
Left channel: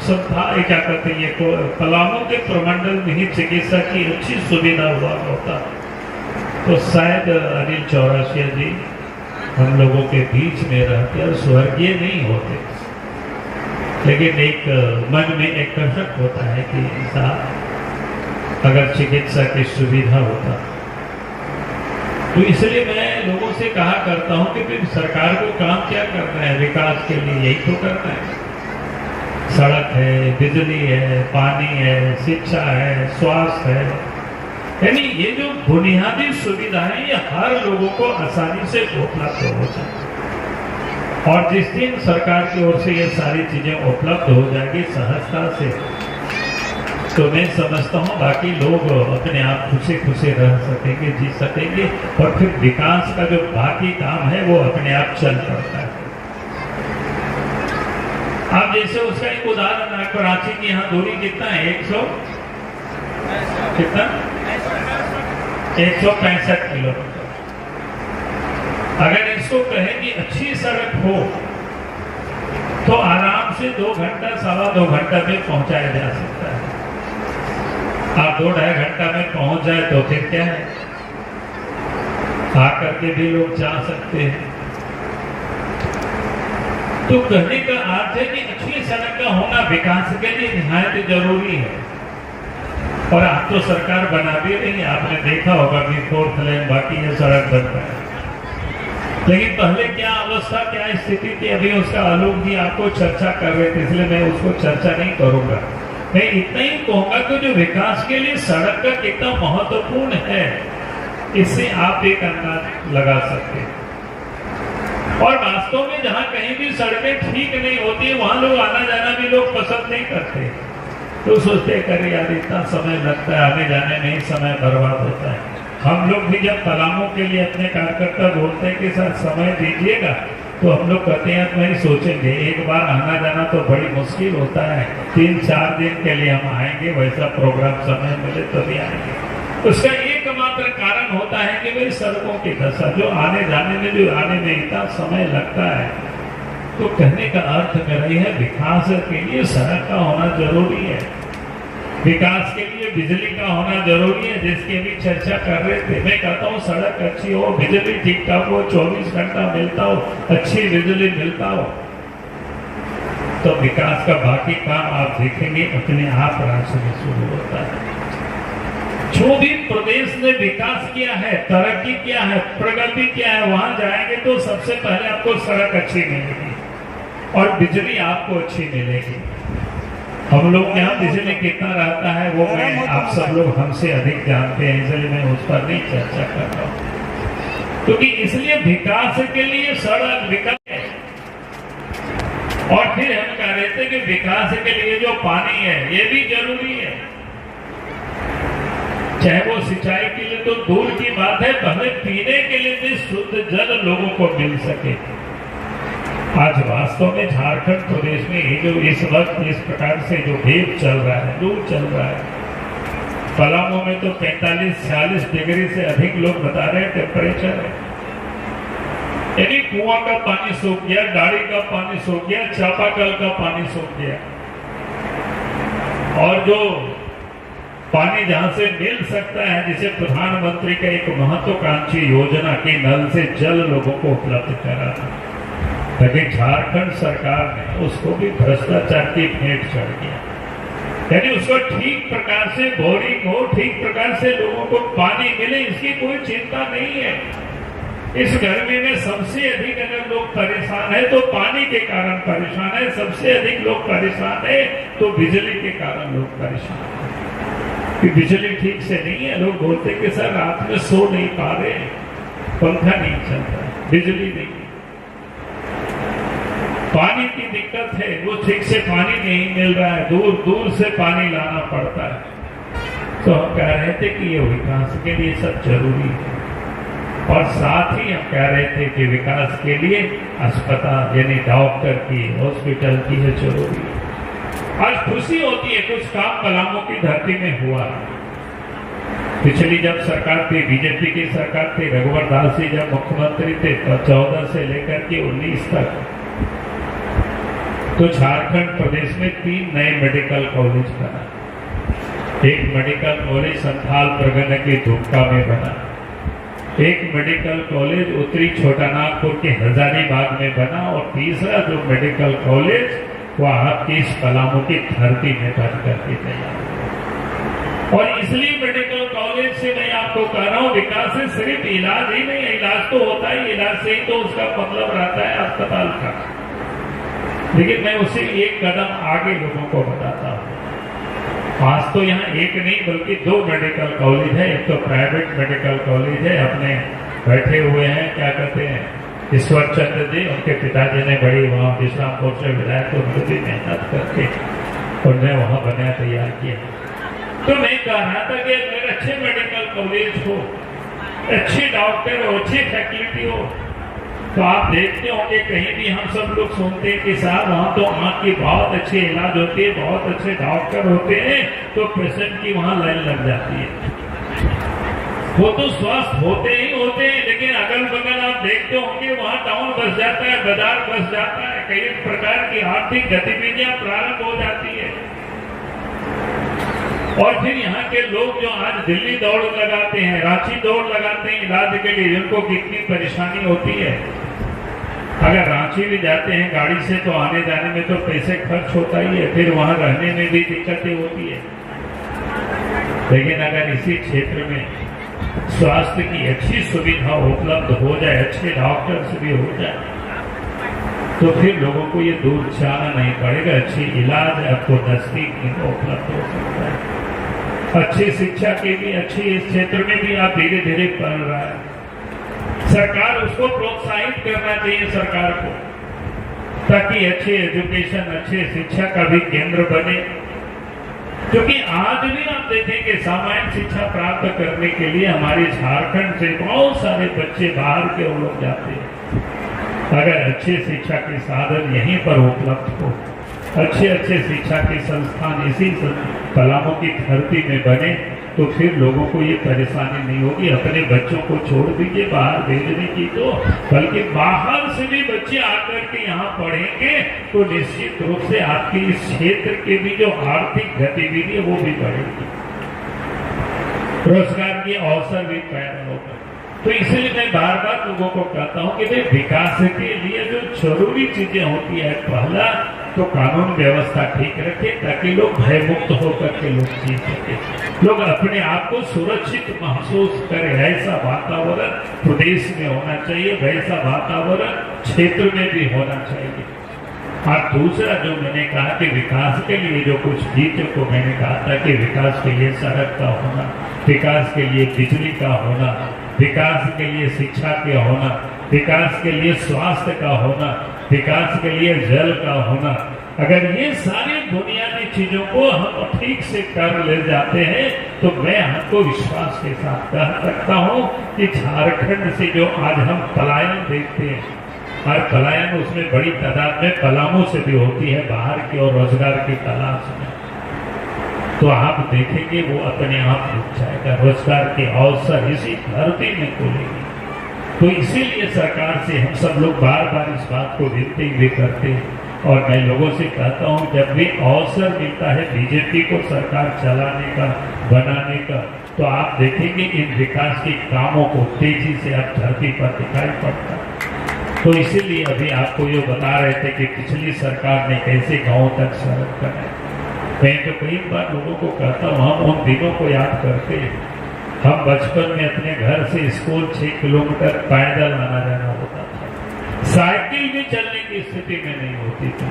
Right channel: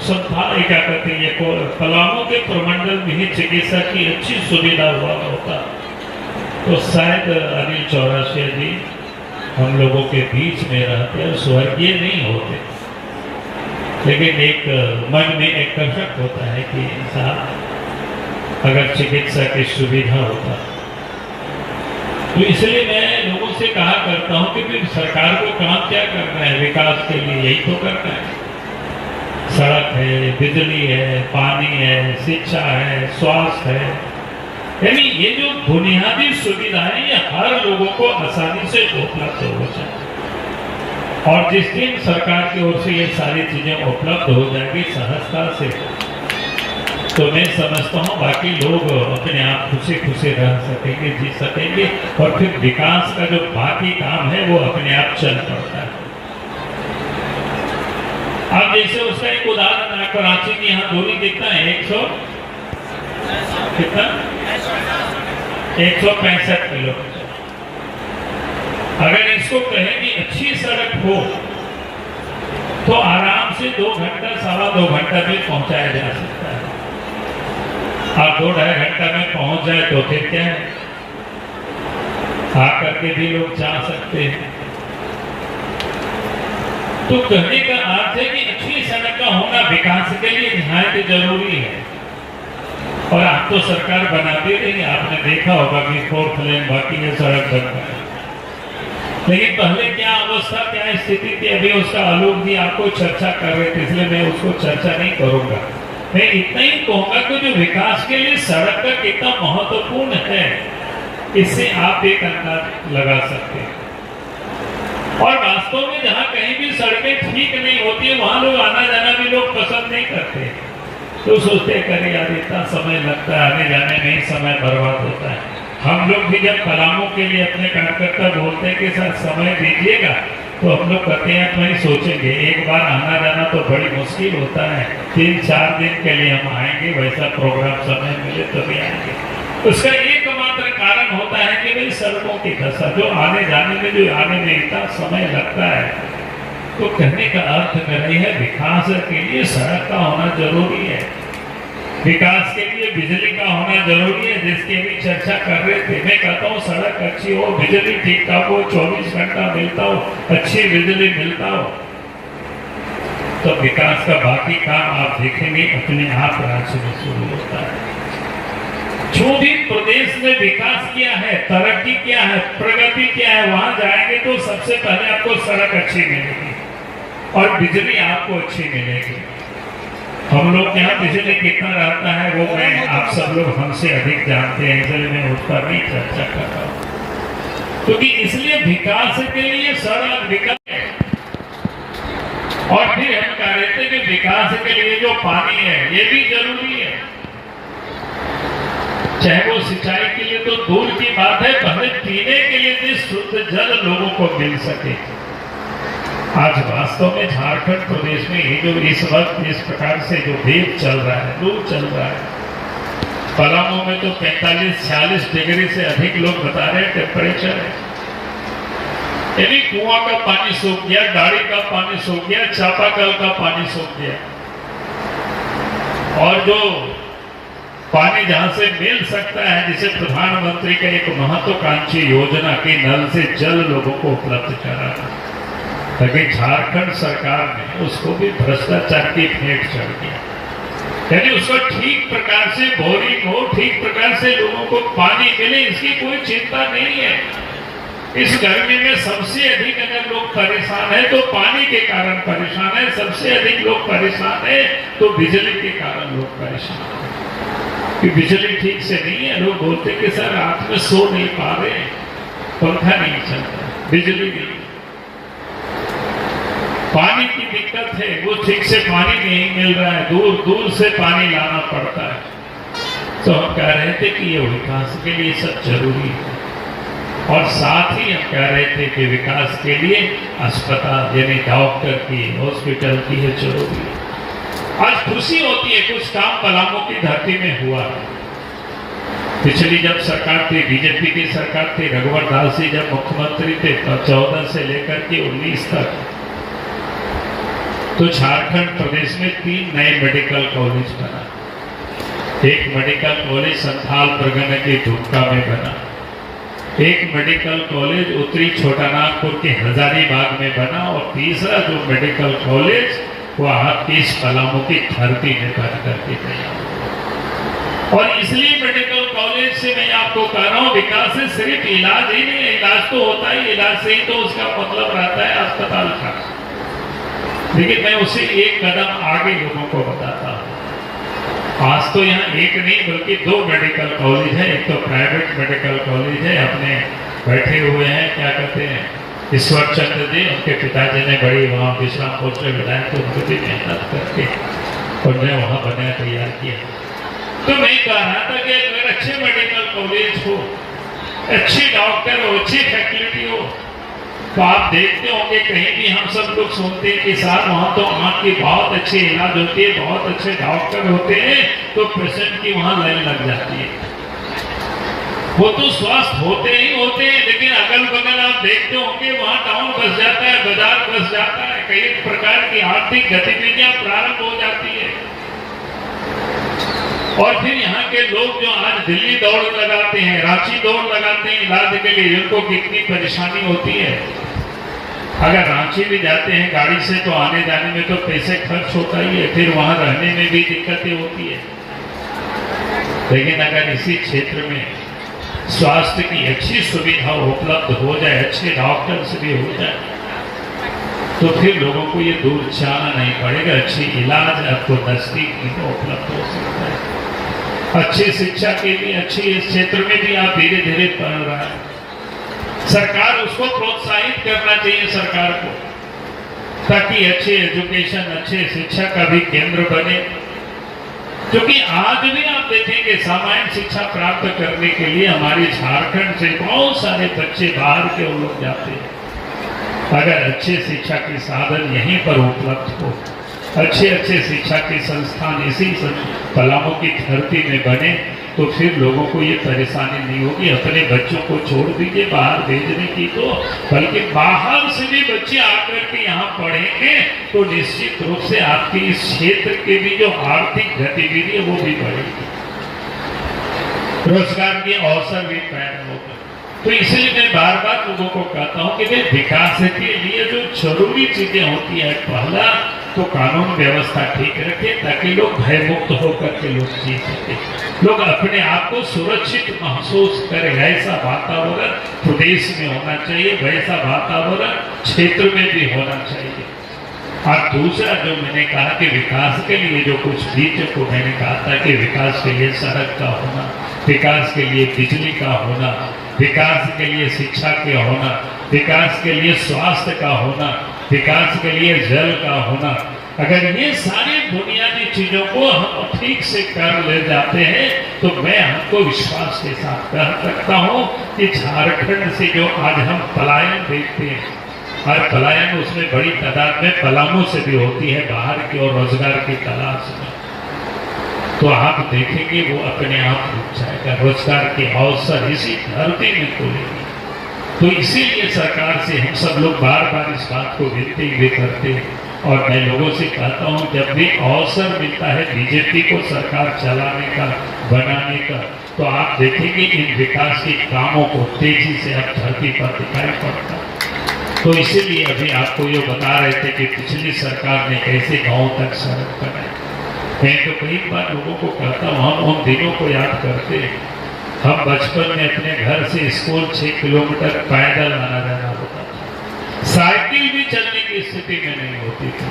क्या कहते हैं, पलामू के प्रमंडल में ही चिकित्सा की अच्छी सुविधा हुआ होता तो शायद अनिल चौरसिया जी हम लोगों के बीच में रहते और स्वर्गीय नहीं होते। लेकिन एक मन में एक कसक होता है कि इंसान अगर चिकित्सा की सुविधा होता, तो इसलिए मैं लोगों से कहा करता हूं कि फिर सरकार को काम क्या करना है विकास के लिए, यही तो करना है। सड़क है, बिजली है, पानी है, शिक्षा है, स्वास्थ्य है, यानी ये जो बुनियादी सुविधा है ये हर लोगों को आसानी से उपलब्ध हो जाए। और जिस दिन सरकार की ओर से ये सारी चीजें उपलब्ध हो जाएगी सहजता से, तो मैं समझता हूँ बाकी लोग अपने आप खुशी खुशी रह सकेंगे, जी सकेंगे, और फिर विकास का जो बाकी काम है वो अपने आप चल पड़ता है। अब जैसे उसका एक उदाहरण है, कराची की यहाँ दूरी कितना है, 165 किलोमीटर। अगर इसको कहें कि अच्छी सड़क हो तो आराम से 2 घंटा 2.25 घंटा में पहुंचाया जा सकता है। आप 2-2.5 घंटा में पहुंच जाए तो फिर क्या है, आकर के भी लोग जा सकते हैं। तो कहने का अर्थ है कि अच्छी सड़क का होना विकास के लिए निहायत जरूरी है। और आप तो सरकार बना दे रही है, आपने देखा होगा कि 4 लेन बाकी है, सड़क बन रहा है। लेकिन पहले क्या अवस्था, क्या स्थिति थी, अभी उसका आलोक जी आपको चर्चा कर रहे थे, इसलिए मैं उसको चर्चा नहीं करूंगा। मैं इतना ही कहूंगा कि जो विकास के लिए सड़क का कितना महत्वपूर्ण है, इससे आप एक अंदाज लगा सकते हैं। और वास्तव में जहां कहीं भी सड़कें ठीक नहीं होती, वहां लोग आना जाना भी लोग पसंद नहीं करते। तो सोचते करें यार इतना समय लगता है, आने जाने में ही समय बर्बाद होता है। हम लोग भी जब पलामू के लिए अपने कार्यकर्ता बोलते हैं कि सर समय दीजिएगा, तो हम लोग कहते हैं नहीं सोचेंगे, एक बार आना जाना तो बड़ी मुश्किल होता है, 3-4 दिन के लिए हम आएंगे, वैसा प्रोग्राम समय मिले तो भी आएंगे। उसका एकमात्र कारण होता है कि भाई सड़कों की दशा, जो आने जाने में, जो आने में इतना समय लगता है। तो कहने का अर्थ कर रही है विकास के लिए सड़क का होना जरूरी है, विकास के लिए बिजली का होना जरूरी है, जिसकी अभी चर्चा कर रहे थे। मैं कहता हूँ सड़क अच्छी हो, बिजली ठीक ठाक हो, 24 घंटा मिलता हो, अच्छी बिजली मिलता हो, तो विकास का बाकी काम आप देखेंगे अपने आप राज्य में शुरू होता है। जो भी प्रदेश ने विकास किया है, तरक्की किया है, प्रगति किया है, वहां जाएंगे तो सबसे पहले आपको सड़क अच्छी मिलेगी और बिजली आपको अच्छी मिलेगी। हम लोग यहाँ बिजली कितना रहता है वो मैं आप सब लोग हमसे अधिक जानते हैं, इसलिए मैं उस पर नहीं चर्चा कर रहा हूँ। क्योंकि इसलिए विकास के लिए सड़क विकल्प है। और फिर हम कह रहे थे कि विकास के लिए जो पानी है ये भी जरूरी है, चाहे वो सिंचाई के लिए तो दूर की बात है, पहले पीने के लिए भी शुद्ध जल लोगों को मिल सके। आज वास्तव में झारखंड प्रदेश में ये जो इस वक्त इस प्रकार से जो वेव चल रहा है, लू चल रहा है, पलामू में तो 45-46 डिग्री से अधिक लोग बता रहे हैं टेम्परेचर है। यानी कुआं का पानी सूख गया, डाड़ी का पानी सूख गया, चापाकल का पानी सूख गया, और जो पानी जहां से मिल सकता है, जिसे प्रधानमंत्री का एक महत्वाकांक्षी योजना की नल से जल लोगों को उपलब्ध कराना, लेकिन झारखंड सरकार ने उसको भी भ्रष्टाचार की भेंट चढ़ गया। यानी उसको ठीक प्रकार से बोरिंग हो, ठीक प्रकार से लोगों को पानी मिले, इसकी कोई चिंता नहीं है। इस गर्मी में सबसे अधिक अगर लोग परेशान है तो पानी के कारण परेशान है, सबसे अधिक लोग परेशान है तो बिजली के कारण लोग परेशान है। कि बिजली ठीक से नहीं है, लोग बोलते कि सर रात में सो नहीं पा रहे, पंखा नहीं चल रहा, बिजली नहीं, पानी की दिक्कत है, वो ठीक से पानी नहीं मिल रहा है, दूर दूर से पानी लाना पड़ता है। तो हम कह रहे थे कि ये विकास के लिए सब जरूरी है, और साथ ही हम कह रहे थे कि विकास के लिए अस्पताल यानी डॉक्टर की, हॉस्पिटल की है जरूरी है। आज खुशी होती है कुछ काम पलामू की धरती में हुआ। पिछली जब सरकार थी, बीजेपी की सरकार थी, रघुवर दास जी जब मुख्यमंत्री थे 14 से लेकर के 19 तक, तो झारखंड प्रदेश में 3 नए मेडिकल कॉलेज बना। एक मेडिकल कॉलेज संथाल परगना के दुमका में बना, एक मेडिकल कॉलेज उत्तरी छोटानागपुर के हजारीबाग में बना, और तीसरा जो मेडिकल कॉलेज वो आपकी इस पलामू की धरती में बन करके तैयार। और इसलिए मेडिकल कॉलेज से मैं आपको कह रहा हूँ, विकास से सिर्फ इलाज ही नहीं, इलाज तो होता ही, इलाज से ही तो उसका मतलब रहता है अस्पताल का। लेकिन मैं उसी एक कदम आगे लोगों को बताता हूँ। आज तो यहाँ एक नहीं बल्कि 2 मेडिकल कॉलेज है। एक तो प्राइवेट मेडिकल कॉलेज है, अपने बैठे हुए हैं क्या कहते हैं ईश्वर चंद्र जी, उनके पिताजी ने बड़ी वहाँ विश्रामपुर से विधायक थे, उनको भी मेहनत करके उन्हें वहाँ बना तैयार किया। तो मैं कह रहा था कि अगर अच्छे मेडिकल कॉलेज हो, अच्छे डॉक्टर हो, अच्छी फैकल्टी हो, तो आप देखते होंगे कहीं भी हम सब लोग सुनते हैं कि साहब वहाँ तो आँख की बहुत अच्छी इलाज होती है, बहुत अच्छे डॉक्टर होते हैं, तो पेशेंट की वहाँ लाइन लग जाती है। वो तो स्वस्थ होते ही होते हैं, लेकिन अगल बगल आप देखते होंगे वहाँ टाउन बस जाता है, बाजार बस जाता है, कई प्रकार की आर्थिक गतिविधियां प्रारंभ हो जाती है। और फिर यहाँ के लोग जो आज दिल्ली दौड़ लगाते हैं, रांची दौड़ लगाते हैं इलाज के लिए, इनको कितनी परेशानी होती है। अगर रांची भी जाते हैं गाड़ी से तो आने जाने में तो पैसे खर्च होता ही है, फिर वहां रहने में भी दिक्कतें होती है। लेकिन अगर इसी क्षेत्र में स्वास्थ्य की अच्छी सुविधा उपलब्ध हो जाए, अच्छे डॉक्टर्स भी हो जाए, तो फिर लोगों को ये दूर जाना नहीं पड़ेगा। अच्छी इलाज आपको नजदीक में उपलब्ध हो सकता है। अच्छी शिक्षा के लिए अच्छी इस क्षेत्र में भी आप धीरे धीरे बढ़ रहा है। सरकार उसको प्रोत्साहित करना चाहिए सरकार को, ताकि अच्छे एजुकेशन, अच्छे शिक्षा का भी केंद्र बने। क्योंकि आज भी आप देखेंगे सामान्य शिक्षा प्राप्त करने के लिए हमारे झारखंड से बहुत सारे बच्चे बाहर के लोग जाते हैं। अगर अच्छे शिक्षा के साधन यहीं पर उपलब्ध हो, अच्छे अच्छे शिक्षा के संस्थान इसी पलामू की धरती में बने, तो फिर लोगों को ये परेशानी नहीं होगी। अपने बच्चों को छोड़ दीजिए बाहर भेजने की, तो बल्कि बाहर से भी बच्चे आकर के यहाँ पढ़ेंगे तो निश्चित रूप से आपके इस क्षेत्र के भी जो आर्थिक गतिविधि है वो भी बढ़ेगी, रोजगार के अवसर भी पैदा होगा। तो इसलिए मैं बार बार लोगों को कहता हूँ कि विकास के लिए जो जरूरी चीजें होती है, पहला तो कानून व्यवस्था ठीक रखे ताकि लोग भयमुक्त होकर के लोग जी सके, लोग अपने आप को सुरक्षित महसूस करें। ऐसा वातावरण प्रदेश में होना चाहिए, वैसा वातावरण क्षेत्र में भी होना चाहिए। और दूसरा जो मैंने कहा कि विकास के लिए जो कुछ चीजों को मैंने कहा था कि विकास के लिए सड़क का होना, विकास के लिए बिजली का होना, विकास के लिए शिक्षा के होना, विकास के लिए स्वास्थ्य का होना, विकास के लिए जल का होना, अगर ये सारी बुनियादी चीजों को हम ठीक से कर ले जाते हैं तो मैं हमको विश्वास के साथ कह सकता हूँ कि झारखंड से जो आज हम पलायन देखते हैं, और पलायन उसमें बड़ी तादाद में पलामू से भी होती है बाहर की और रोजगार की तलाश में, तो आप देखेंगे वो अपने आप रुक जाएगा। रोजगार के अवसर इसी धरती में खुलेंगे। तो इसीलिए सरकार से हम सब लोग बार बार इस बात को विनती भी करते हैं, और मैं लोगों से कहता हूँ जब भी अवसर मिलता है बीजेपी को सरकार चलाने का, बनाने का, तो आप देखेंगे इन विकास के कामों को तेजी से अब धरती पर दिखाई पड़ता। तो इसीलिए अभी आपको ये बता रहे थे कि पिछली सरकार ने कैसे गाँव तक सड़क बनाई। मैं तो कई बार लोगों को कहता हूँ, हम उन दिनों को याद करते हैं। हम बचपन में अपने घर से स्कूल 6 किलोमीटर पैदल आना जाना होता था, साइकिल भी चलने की स्थिति में नहीं होती थी।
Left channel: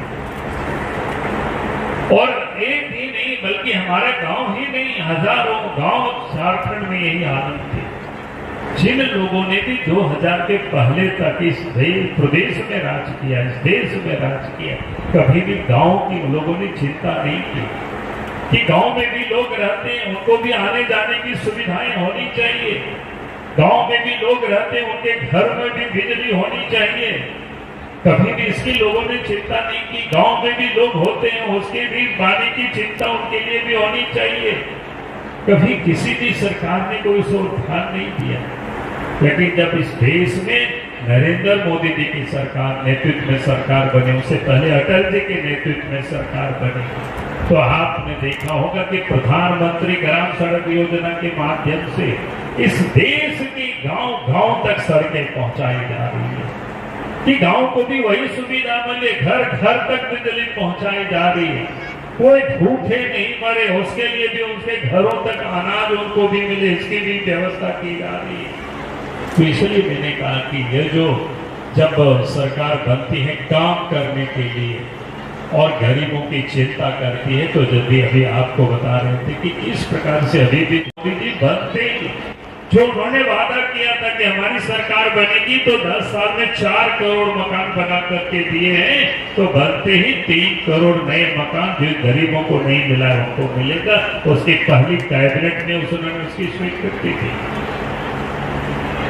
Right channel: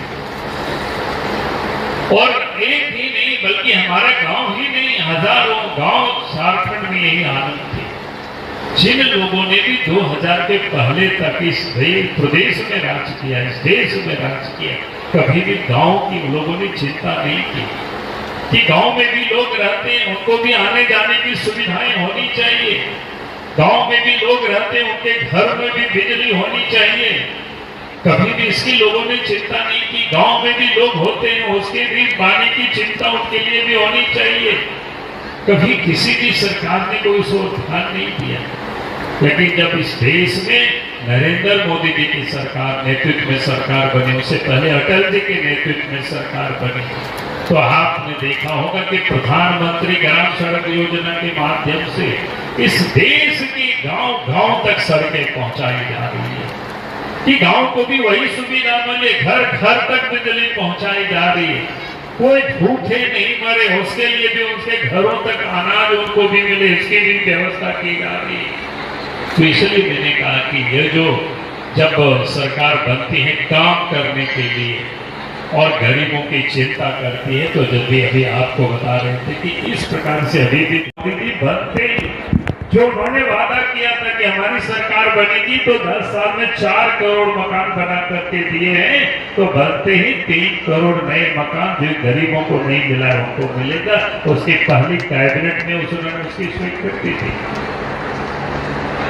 और एक ही नहीं बल्कि हमारा गांव ही नहीं, हजारों गांव झारखंड में यही हालत थी। जिन लोगों ने भी 2000 के पहले तक इस प्रदेश में राज किया, इस देश में राज किया, कभी भी गांव के लोगों ने चिंता नहीं की कि गांव में भी लोग रहते हैं, उनको भी आने जाने की सुविधाएं होनी चाहिए। गांव में भी लोग रहते हैं, उनके घर में भी बिजली होनी चाहिए। कभी भी इसकी लोगों ने चिंता नहीं की। गांव में भी लोग होते हैं, उसके भी पानी की चिंता उनके लिए भी होनी चाहिए। कभी किसी भी सरकार ने कोई सोच ध्यान नहीं दिया। लेकिन जब इस देश में नरेंद्र मोदी जी की सरकार नेतृत्व में सरकार बनी, उससे पहले अटल जी के नेतृत्व में सरकार बनी, तो आपने देखा होगा कि प्रधानमंत्री ग्राम सड़क योजना के माध्यम से इस देश की गांव-गांव तक सड़कें पहुंचाई जा रही है कि गांव को भी वही सुविधा मिले, घर घर तक बिजली पहुंचाई जा रही है। कोई भूखे नहीं मरे, उसके लिए भी उनके घरों तक अनाज उनको भी मिले, इसकी भी व्यवस्था की जा रही है। तो इसलिए मैंने कहा कि ये जो जब सरकार बनती है काम करने के लिए और गरीबों की चिंता करती है, तो जब भी अभी आपको बता रहे थे कि इस प्रकार से अभी भी बनते जो उन्होंने वादा किया था कि हमारी सरकार बनेगी तो 10 साल में 4 करोड़ मकान बना करके दिए हैं, तो बनते ही 3 करोड़ नए मकान जो गरीबों को नहीं मिला है उनको मिलेगा। उसकी पहली कैबिनेट में उन्होंने उसकी स्वीकृति दी।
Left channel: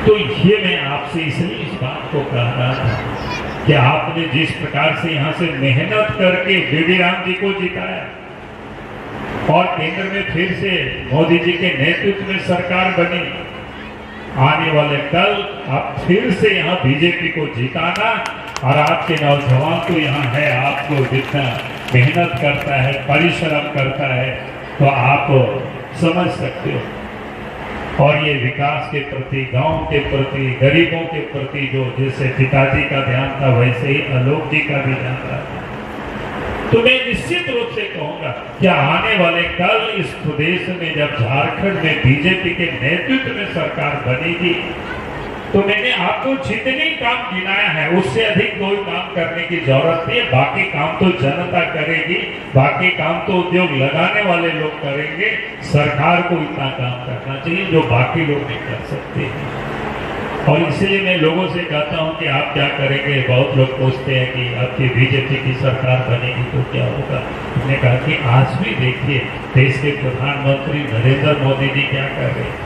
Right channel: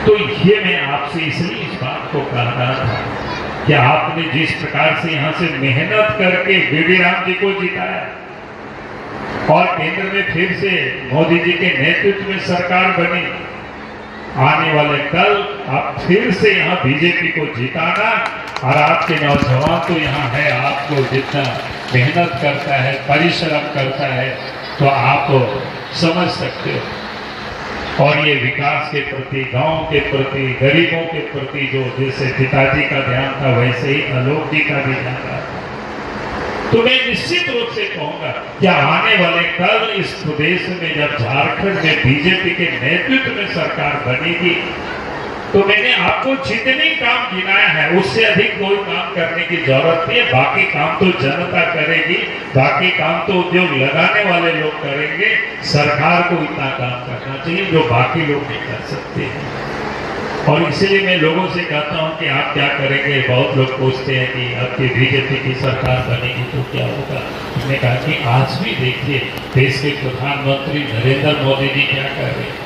तो ये मैं आपसे इसलिए इस बात को कह रहा था कि आपने जिस प्रकार से यहाँ से मेहनत करके बीडी राम जी को जिताया और केंद्र में फिर से मोदी जी के नेतृत्व में सरकार बनी, आने वाले कल आप फिर से यहाँ बीजेपी को जिताना। और आपके नौजवान तो यहाँ है, आपको जितना मेहनत करता है, परिश्रम करता है, तो आप समझ सकते हो। और ये विकास के प्रति, गांव के प्रति, गरीबों के प्रति जो जैसे पिताजी का ध्यान था वैसे ही आलोक जी का भी ध्यान था। तो मैं निश्चित रूप से कहूंगा कि आने वाले कल इस प्रदेश में जब झारखंड में बीजेपी के नेतृत्व में सरकार बनेगी तो मैंने आपको जितने काम गिनाया है उससे अधिक कोई काम करने की जरूरत नहीं है। बाकी काम तो जनता करेगी, बाकी काम तो उद्योग लगाने वाले लोग करेंगे। सरकार को इतना काम करना चाहिए जो बाकी लोग नहीं कर सकते। और इसलिए मैं लोगों से कहता हूं कि आप क्या करेंगे। बहुत लोग पूछते हैं कि आपकी बीजेपी की सरकार बनेगी तो क्या होगा। उसने कहा कि आज भी देखिए देश के प्रधानमंत्री नरेंद्र मोदी जी क्या कर रहे हैं,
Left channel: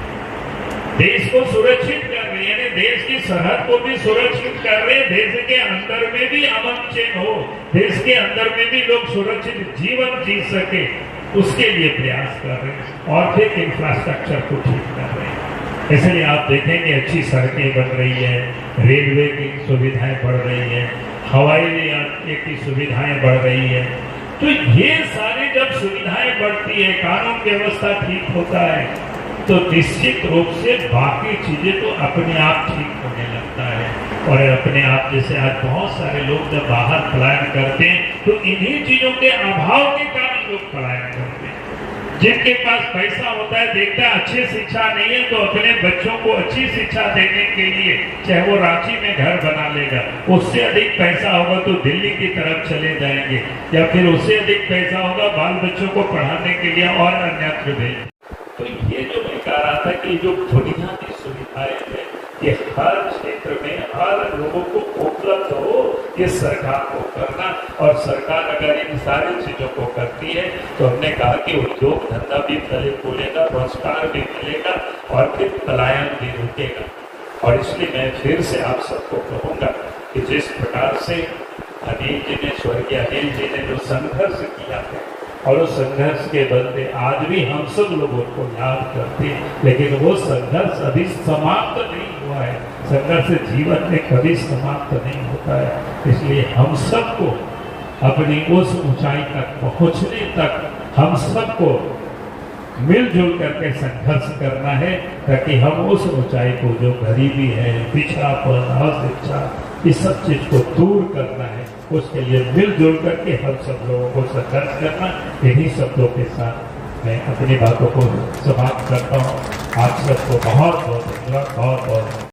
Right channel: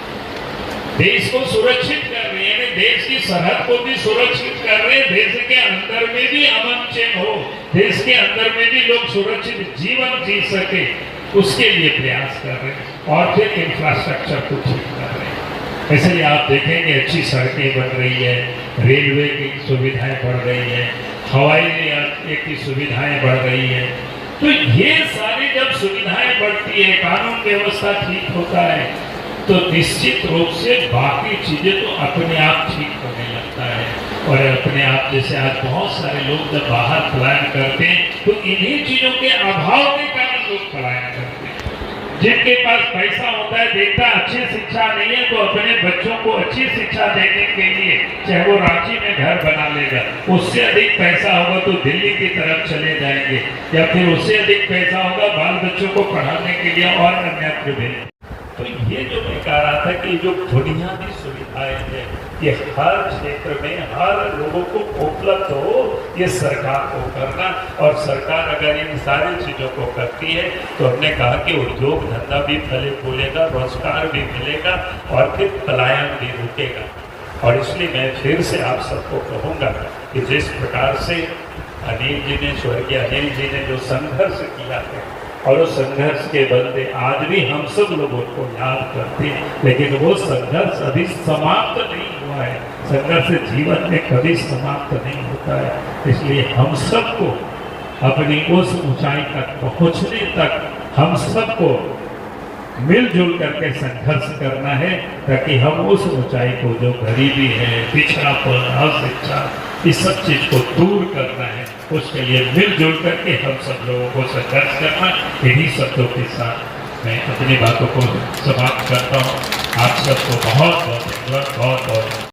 देश को सुरक्षित कर रहे हैं, देश की सरहद को भी सुरक्षित कर रहे हैं, देश के अंदर में भी अमन चैन हो, देश के अंदर में भी लोग सुरक्षित जीवन जी सके उसके लिए प्रयास कर रहे हैं और फिर इंफ्रास्ट्रक्चर को ठीक कर रहे हैं। इसलिए आप देखेंगे अच्छी सड़कें बन रही है, रेलवे की सुविधाएं बढ़ रही है, हवाई यात्रा की सुविधाएं बढ़ रही है। तो ये सारी जब सुविधाएं बढ़ती है, कानून व्यवस्था ठीक होता है तो निश्चित रूप से बाकी चीजें तो अपने आप ठीक होने लगता है। और अपने आप जैसे आज बहुत सारे लोग जब बाहर पलायन करते हैं तो इन्हीं चीजों के अभाव के कारण लोग पलायन करते हैं। जिनके पास पैसा होता है, देखता है अच्छी शिक्षा नहीं है तो अपने बच्चों को अच्छी शिक्षा देने के लिए चाहे वो रांची में घर बना लेगा, उससे अधिक पैसा होगा तो दिल्ली की तरफ चले जाएंगे, या फिर उससे अधिक पैसा होगा बाल बच्चों को पढ़ाने के लिए और अन्यत्र भेज। तो ये जो मैं कह रहा था कि जो बुनियादी सुविधाएं हैं कि हर क्षेत्र में हर लोगों को उपलब्ध हो, ये सरकार को करना। और सरकार अगर इन सारी चीजों को करती है तो हमने कहा कि उद्योग धंधा भी फले फूलेगा, रोजगार भी मिलेगा और फिर पलायन भी रुकेगा। और इसलिए मैं फिर से आप सबको कहूंगा कि जिस प्रकार से अनिल जी ने, स्वर्गीय अनिल जी ने जो संघर्ष किया है और उस संघर्ष के बदले आज भी हम सब लोगों को याद करते हैं, लेकिन वो संघर्ष अभी समाप्त नहीं हुआ है। संघर्ष जीवन में कभी समाप्त नहीं होता है। इसलिए हम सबको अपनी उस ऊंचाई तक पहुंचने तक हम सबको मिलजुल करके संघर्ष करना है, ताकि हम उस ऊंचाई को, जो गरीबी है, पिछड़ापन, अशिक्षा, इस सब चीज को दूर करना है, उसके लिए मिलजुल करके हम सब लोगों को संघर्ष करना। इन्हीं शब्दों के साथ मैं अपनी बातों को समाप्त करता हूँ। आप सबको बहुत बहुत धन्यवाद, बहुत बहुत